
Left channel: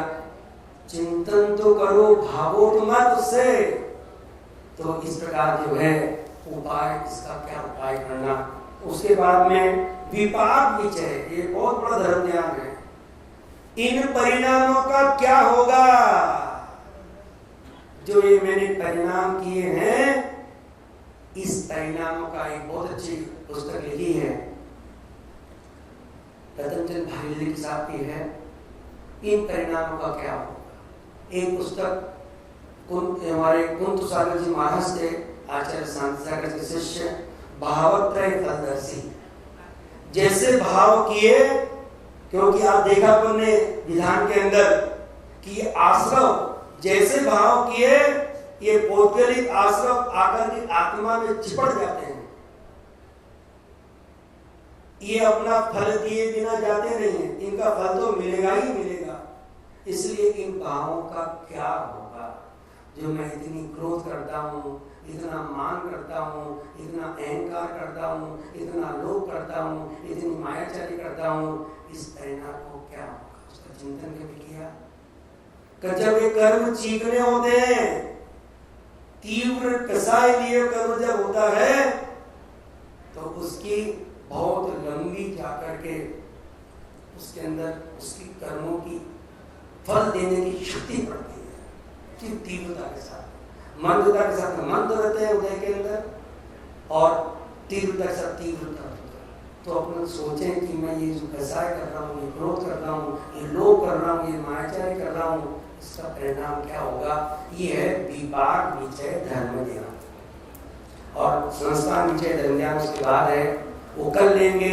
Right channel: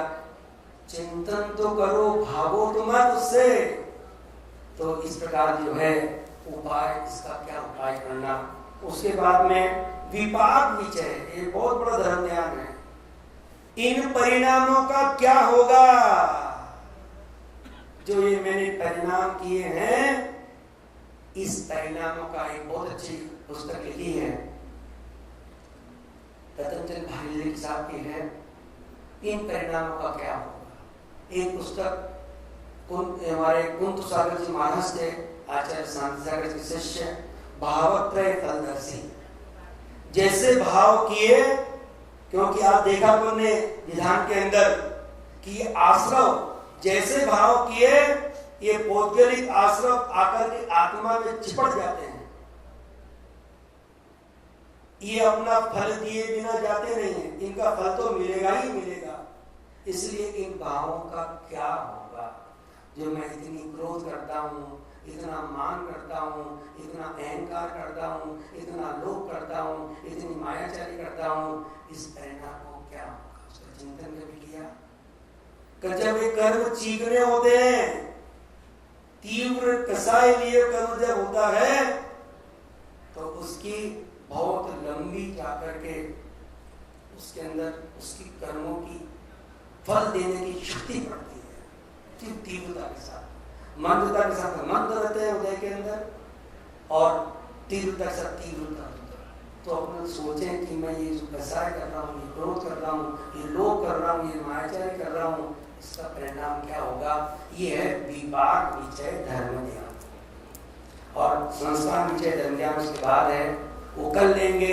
चिंतन तो करो, भागो तो मत उससे। तो इस प्रकार जो है उपाय, इसका क्या उपाय करना। उसके बाद में विपाक विचय, ये बहुत बड़ा धर्म ध्यान है। इन परिणामों का क्या होगा? जो ये मैंने परिणाम किए हैं, इस परिणामों का एक बहुत अच्छी पुस्तक लिखी है रतनचंद भागीरथी साहब की है, इन परिणामों का क्या होगा। एक पुस्तक हमारे कुंत सागर जी महाराज थे, आचार्य शांति सागर के शिष्य, भावत्रय फलदर्शी। जैसे भाव किए, क्योंकि आप देखा हमने विधान के अंदर कि आश्रव जैसे भाव किए, ये पौद्गलिक आश्रव आकर के आत्मा में चिपट जाते हैं। ये अपना फल दिए बिना जाते नहीं है, इनका फल तो मिलेगा ही मिलेगा। इसलिए इन भावों का क्या होगा? जो मैं इतनी क्रोध करता हूँ, इतना मान करता हूँ, इतना अहंकार करता हूँ, इतना लोभ करता हूँ, इतनी मायाचारी करता हूँ, इस परिणाम को क्या होगा? उसका चिंतन कभी किया? जब ये कर्म चीखने होते हैं, तीव्र कसाई लिए कर्म जब होता है, तो उसकी बहुत लंबी जाकर के उसके अंदर उसकी कर्मों की फल देने की शक्ति बढ़ती है। तीव्रता के साथ, मंदता के साथ मंद रहते हैं उदय के अंदर, और तीव्रता के साथ तीव्रता होता है। तो अपन सोचें कि मैं ये जो कसाय कर रहा हूँ, ये क्रोध कर रहा हूँ, ये लोभ कर रहा हूँ, ये मायाचारी कर रहा हूँ, इसका परिणाम क्या होगा? ये है विपाक विचय धर्म ध्यान। और संस्कार विचय धर्म ध्यान उसके बाद है, वो कल लेंगे।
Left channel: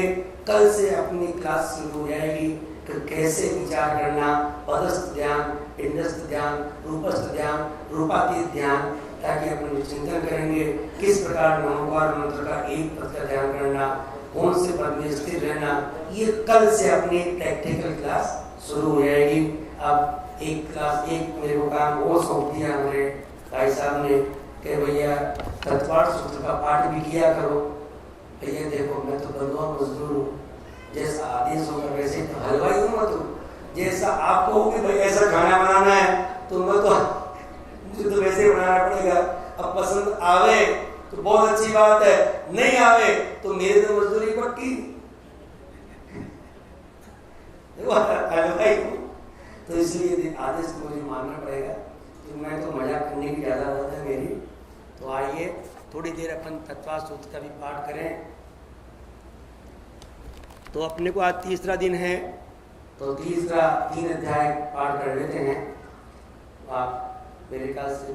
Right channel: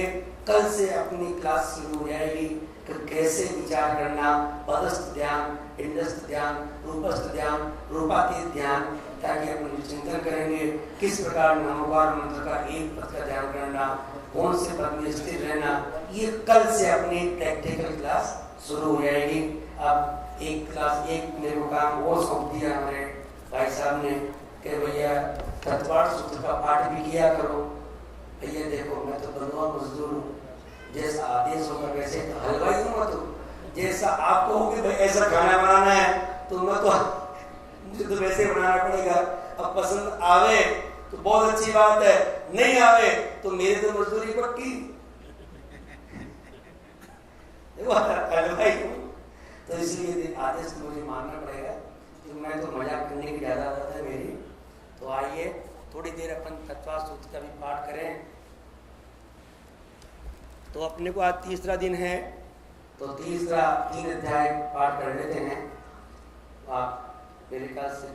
कल से अपनी क्लास शुरू हो जाएगी कि कैसे विचार करना, पदस्थ ध्यान, पिंडस्थ ध्यान, रूपस्थ ध्यान, रूपातीत ध्यान, ताकि अपन चिंतन करेंगे किस प्रकार नमोकार मंत्र का एक पद का ध्यान करना, कौन से पद में स्थिर रहना, ये कल से अपनी प्रैक्टिकल क्लास शुरू हो जाएगी। अब एक क्लास एक मेरे को काम और सौंप दिया हमारे भाई साहब ने कि भैया तत्वार्थ सूत्र का पाठ भी किया करो। भैया देखो मैं तो बंधुआ मजदूर हूँ, जैसा आदेश होगा वैसे तो हलवाई हूँ मैं, तो जैसा आप कहोगे भाई ऐसा खाना बनाना है तो मैं तो मुझे तो वैसे बनाना पड़ेगा। अब पसंद आवे तो बहुत अच्छी बात है, नहीं आवे तो मेरे तो मजदूरी पक्की। तो इसलिए आदेश तो मुझे मानना पड़ेगा, तो मैं तो मजाक करने की ज्यादा आदत है मेरी। तो आइए थोड़ी देर अपन तत्वार्थ सूत्र का भी पाठ करें। तो अपने को आज तीसरा दिन है, तो तीसरा 3 अध्याय पाठ कर लेते हैं। आप मेरे ख्याल से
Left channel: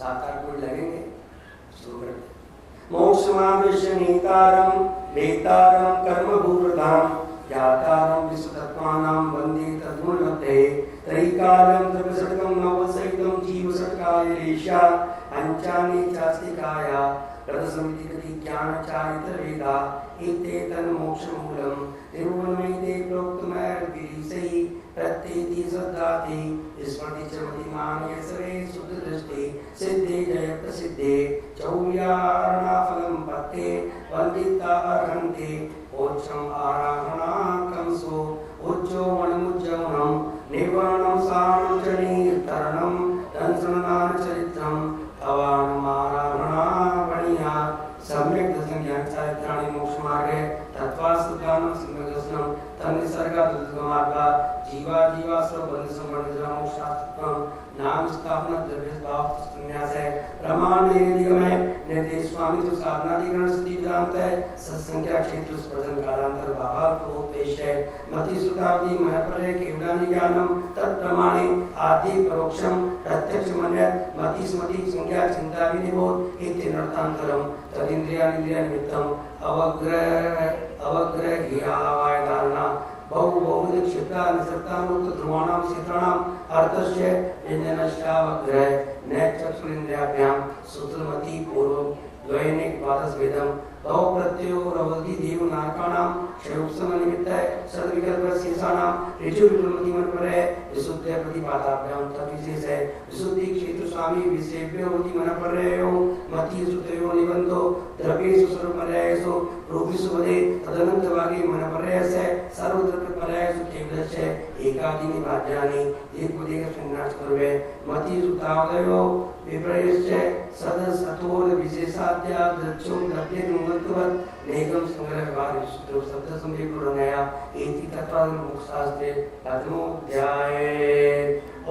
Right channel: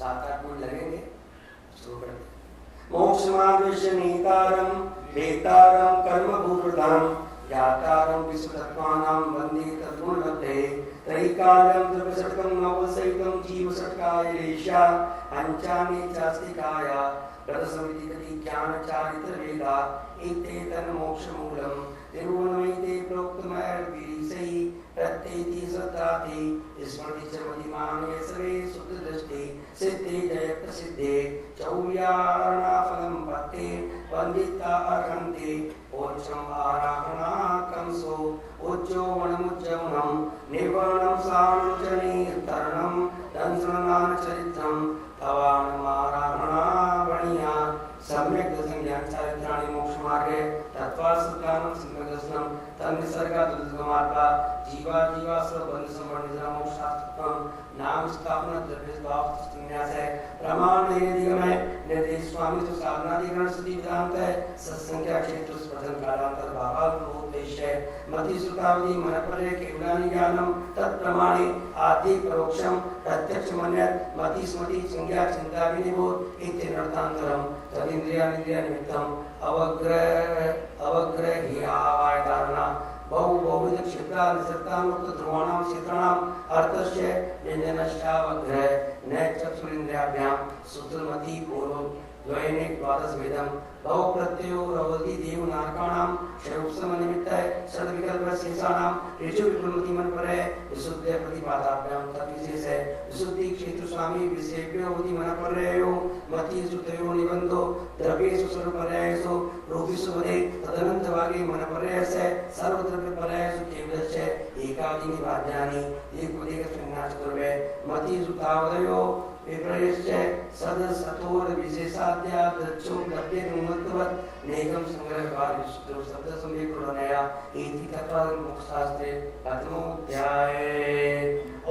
7-8 मिनट लगेंगे, शुरू कर दें। मोक्षमावेशनीतारं वेतारं कर्मभूतधाम यातारं विसुतत्वानां वन्दे तद्गुणलब्धे त्रैकालं त्रिपशतकं नवसहितं जीवषट्कायलेशा पञ्चानि चास्तिकाया प्रदसमिति ज्ञानचारितवेदा एते तन्मोक्षमूलं निर्गुणमयिते प्रोक्तमैर्विरीसैः प्रत्येति श्रद्धाति स्मृति च मतिमाने सर्वे शुद्धदृष्टि सिद्धे जय प्रसिद्धे चौर्यारणाफलं पत्ते वन्दिता अर्हन्ति ओच्छम् आराधनाकंसो उच्चो वनमुज्जवनं निर्वाणं सारणं च निर्तरणं दंसनाचरित्रं भवानमाराधनावणीया सम्यक् दशज्ञानचारित्राणि मोक्षमार्गे तत्त्वार्थज्ञानं सम्यग्दर्शनं तन्निसर्गादुद्गमार्गा जीवा स्वबन्धसंवर्णितं मोक्षार्थत्वं नाम स्थापना द्रव्यभाव संन्यास है प्रमाण निगमय निर्देश स्वामी तो साधनाधिकरण स्थिति वेदांत है सत्संख्या क्षेत्र स्पर्शन कालांतर भाव उपदेश है मति सुतावधि महपरय केवलानि ज्ञानम तत्प्रमाणे आदि परोक्षम प्रत्यक्ष मन्यत् मति स्मृति संज्ञा चिंता विनिबोध इति नर्तांतरम तदिंद्रियानिंद्रिय निमित्तम अवग्रह हियावाय धारणा बहुविध क्षेत्रा निसर्तानुक्त ध्रुवाणां क्षेत्राणां अर्थस्य व्यंजनश्चावग्रह न चक्षुरिन्द्रियाभ्यां सूत्रमति पूर्वं द्वैनिक द्वादश वेदम बहु प्रत्ययो रवति देव नारकाणां क्षयोत्सव निमित्तः सद विकल्प शेषाणां ऋजु विक्रमति मन पर है विशुद्ध प्रतिपादाभ्यां तद्विशेष है विशुद्धि क्षेत्र स्वामी विषयभ्यो होति मन पर है मति सुतयो निबंधो द्रव्येषु सर्वपर्यायेषु रूपेषु वदे तदनंत वागे मन पर है सर्वत्र पर्यायेषु केवलस्य एकादि निवाद्यानि एक उदेक संन्यास करवे मति सुतावदयो विपर्यस्य सद सतोर विशेषाद्या दक्षो द्रव्ये नुमत्वत् नेगम संग्रह भाग विशुद्धो शब्द समीकरणया इति तत्त्व मोक्षशास्त्रे प्रथमोऽध्याय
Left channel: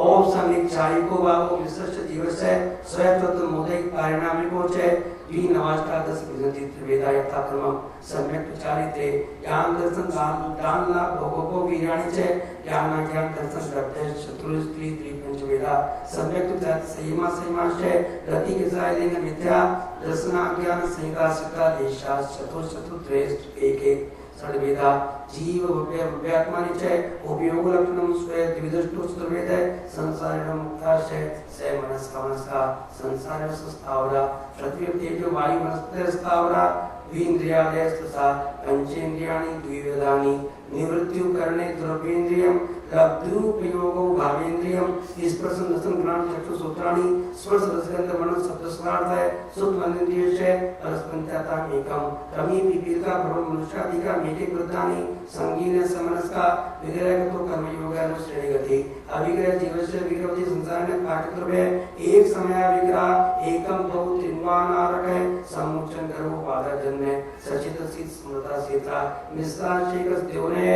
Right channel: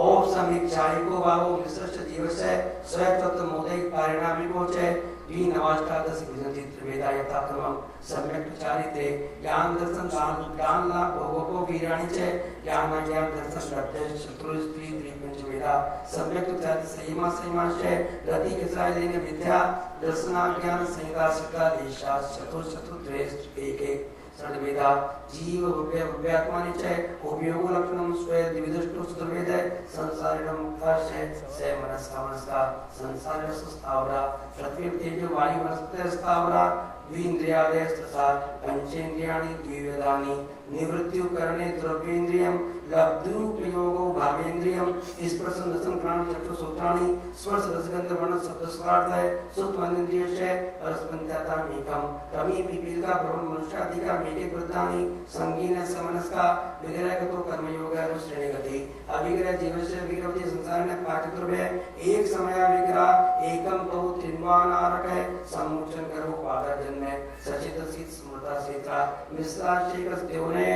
ओम समीक्षायिको वावो विशिष्ट दिवसे स्वयं मोदिक परिणामिको च द्विनवाष्टादश विजंति वेदा यथाक्रमं सम्यक् प्रचारिते ज्ञान दर्शन दान लाभ भोगो वीराणि च ज्ञान ज्ञान दर्शन प्रत्यक्ष चतुर्स्त्री त्रिपंच वेदा सम्यक् संयमा संयमाश्च गति विषयेन विद्या दर्शना ज्ञान संहिता सका देशा चतुर्श्रेष्ठ एक एक षड्वेदा जीव व्यात्मानि च उपयोग लक्षणं स्वयं द्विदृष्टो चतुर्वेद संसारिणं मुक्ताश्च स मनस्का संसार स्थावरा पृथ्वी तेजो वायु वनस्पति स्थावरा द्विन्द्रियादयस्तथा पंचेन्द्रियाणि द्विवेदानि निवृत्तिं करणे द्रव्येन्द्रियं लब्धुपयोगो भावेन्द्रियं स्पर्शन दर्शन घ्राण चक्षु सूत्राणि स्पर्श रसगंध वर्ण शब्द स्पर्धाय सुत्वनिन्द्रियस्य परस्पंचाता एकम कमी पिपीलिका भ्रम मनुष्यादिका मेटे वृद्धानि संगीन समनस्का विग्रह तो कर्म योग श्रेणी गति अविग्रह जीवस्य विग्रह संसार में पाठ्यक्रमे एक समय विग्रह एकम बहु त्रिवानारक है सम्मोचन करो पादा जन्म सचित सिद्ध स्मृता सीता मिश्रा शेखर देवने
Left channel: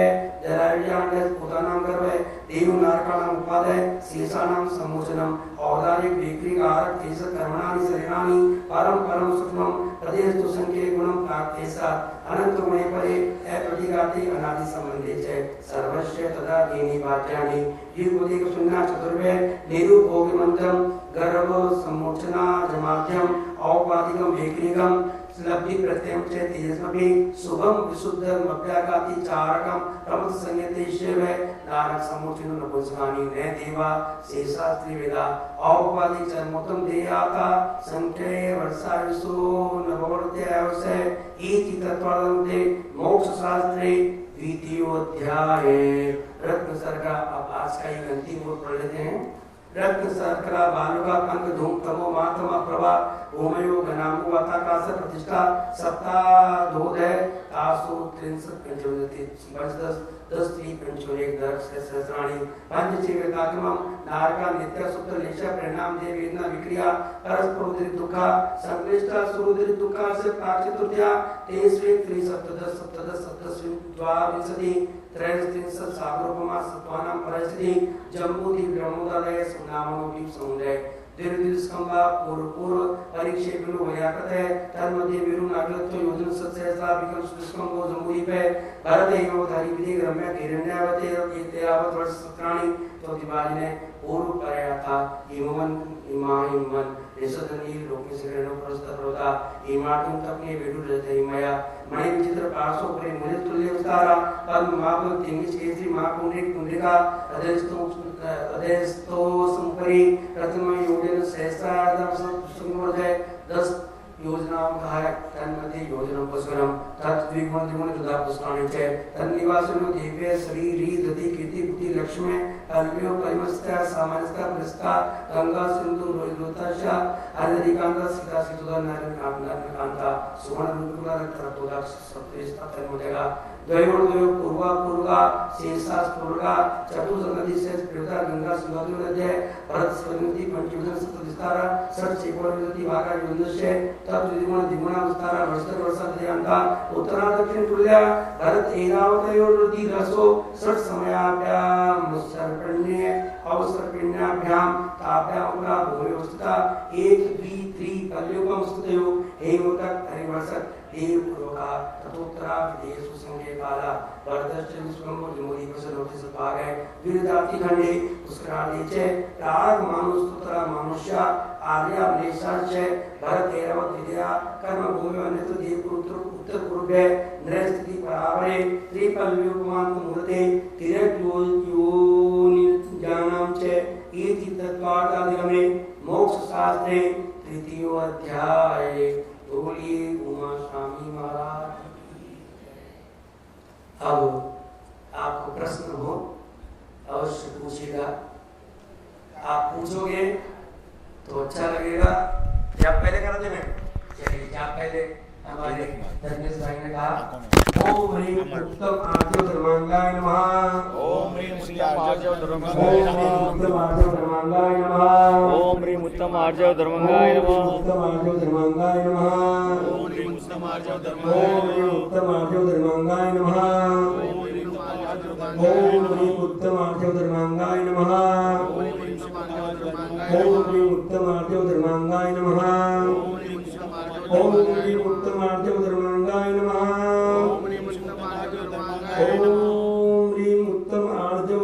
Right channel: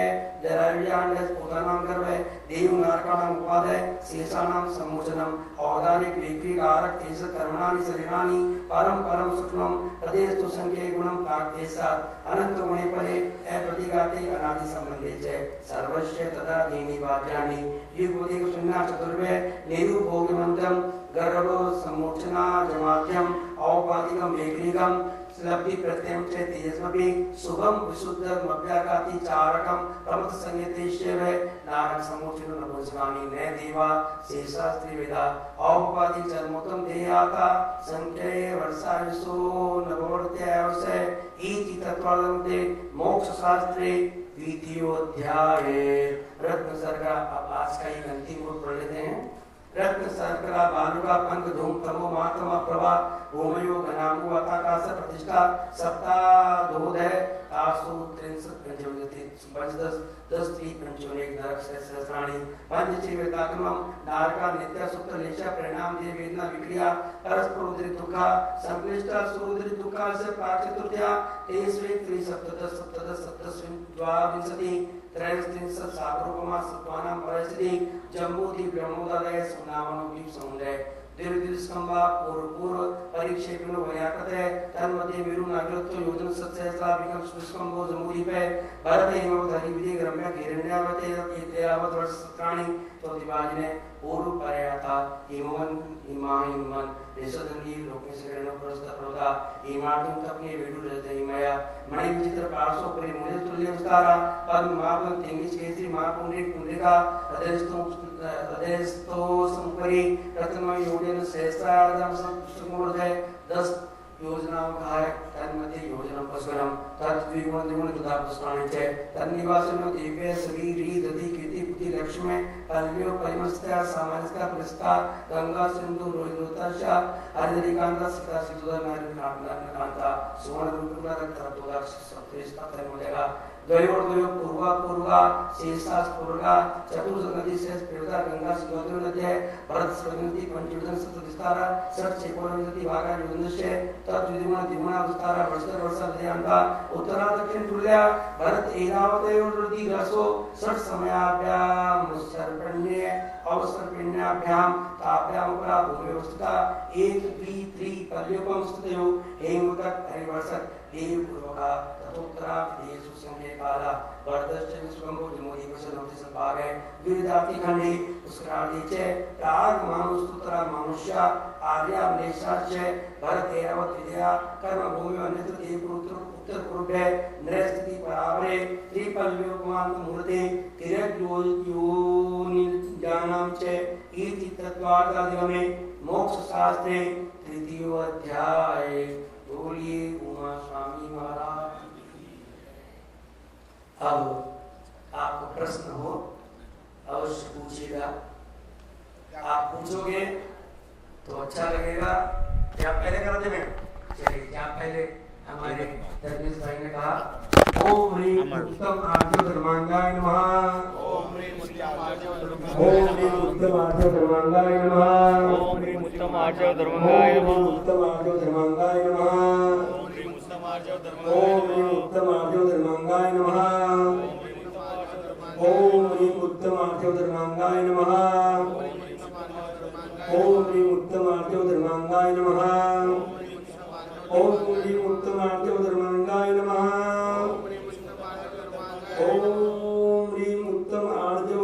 जरावियान पोतानाम करवे देव नारकाणाम उपादय शेषाणाम सम्मोचनम औदारिक विक्री आरक तेज कर्मणानि शरीराणि परम परम सुखम प्रदेश तो संके गुणम प्राप्तेसा अनंत गुणे परे अप्रतिघाते अनादि संबंधे च सर्वस्य तदा दीनि वाक्यानि युगोदिक सुन्ना चतुर्वे निरूपोगमंतम गर्भ सम्मोचना जमात्यम औपाधिकम वेक्रीगम लब्धि प्रत्ययम च तेजस्मभि शुभम विशुद्धम अभ्याकाति चारकम प्रमथ संगीतेश्वर नारक समुचित नपुंसकानि ने देवा शेषा त्रिवेदा औपवादिक जन्मोत्तम देयाता संख्ये वर्षा विसु नववर्त्य अवसय इति तत्वादम दे मोक्ष शास्त्रे द्वितीयोध्याय रत्न सर्गा। अब आज का ये अंतिम रूप पढ़ लेते हैं। रत्न सर्कला बालुका पंख धूम तमो मातमा प्रभा भूमयो घनामो अताकाश प्रतिष्ठा सप्ताधोदय तासु त्रिंशत् पंचोदति पंचदश 10 3 पंचोनेक दर्श सहस्राणि पंचजीवितात्मम नारका नित्य सुप्त निशा परिणाम दे वेदना विक्रिया परस्पर दुखा संक्लिष्टा सुरुद्र दुखा से पाचतुर्या तेस्वे त्रिसप्तदश सप्तदश सप्तस्विं द्वाविंशति त्रयस्त्रिंशत् सागरोपमा सत्वानां परस्ति जम्बूदि ब्रह्मोदय सुनामनोपि समुदय दीर्घस्कंबा पूर्व परिक्षेपण वयाकते तन्मध्ये विरु नागरत्व योजन सत्सहस्रा विकल्प सुस्कंबो जमुदी पे भरत एवं धरि विधि रम्य हिरण्यवते येतेयावत वर्ष सत्राणि तो दिवालिने पूर्व परयाता इमान निषदनी लोके सिरेनो प्रस्तरोदा इमाटुं तपने विरु रजयमया मणि विचित्र पार्श्व परि मुझे तुल्य विस्तारा पद्म मापन तिंगिस केसरी महापुंडरीक पुंडरीका अदेस्तो संपरि रत्नमय योजन सहस्रार्धम संगोदय 10 योजनाओं का है तन्मध्ये योजना पस्वरम तद्विगुण द्विगुण दुधा पुष्पाणि च तन्निवासनो दिव्य शरीरी दति कीर्ति बुद्धि लक्ष्मी कल्प्यो परिमस्त्या सामाजिका पुरस्कार गंगा सिंधु रोहितोताशा हरिकांता सीता सितुदा नारायणकांता सुवर्ण रूपा रक्तोदा सप्तरिष्ठा तन्मदेगा द्वयोर्द्वयो पूर्वा शेषा स्फुर्गा चतुर्संगति से प्रदा गंगा सुगंधि नद्य भरत संगति पंचोदन सप्तदिस्तारा षट चेकोरविति भागा योजनस्य तद्विगुण द्विगुण विस्तारा वर्षा दयांता उत्तरा दक्षिण तुल्या भरत एरावतयोर्दि रसो षट समयाभ्याम सर्पण्ये अवसर्पिण्याभ्याम ताभ्याम का भूमिवस्था एक द्वि त्रि कलयुगम स्तुतयो हेमतक हरिवर्षक देव पुरोगा ततोत्तरा विदेश संगे काला वर्धश्च विश्वंगो विमोदी प्रसन्नोति संभागे विरदाति खंडे उसरादि च राग मानुस्तुतरा मनुष्य आर्या मलेशाच भरत एवं विद्या कर्म भूमि अन्यत्र देव उत्तर पूर्वे नृस्थिति परावरे त्रिपल विपमान मूर्ते तिरक योनि ज्ञानम च इति तत्वार्थादिगमे मोक्ष शास्त्रे तृतीयो अध्याय। बोलिए उमा स्वामी महाराज। अब आपको प्रश्न हो अवश्य पूछिएगा। आप पूछोगे तो अच्छा लगेगा। क्या पहले करा थे मैं? चलिए क्या पहले हमारे धर्मेश भाई ने कहा ओम ह्रीं उत्तम आर्यो धर्मांगाय नमः। ओम ह्रीं उत्तम आर्यो धर्मांगाय नमः। ओम ह्रीं उत्तम आर्यो धर्मांगाय नमः। उत्तम आर्यो धर्मांगाय नमः। ओम ह्रीं उत्तम आर्यो धर्मांगाय नमः। ओम ह्रीं उत्तम आर्यो धर्मांगाय नमः। ओम ह्रीं उत्तम आर्यो धर्मांगाय नमः। ओम ह्रीं उत्तम आर्यो धर्मांगाय नमः। ओम ह्रीं उत्तम आर्यो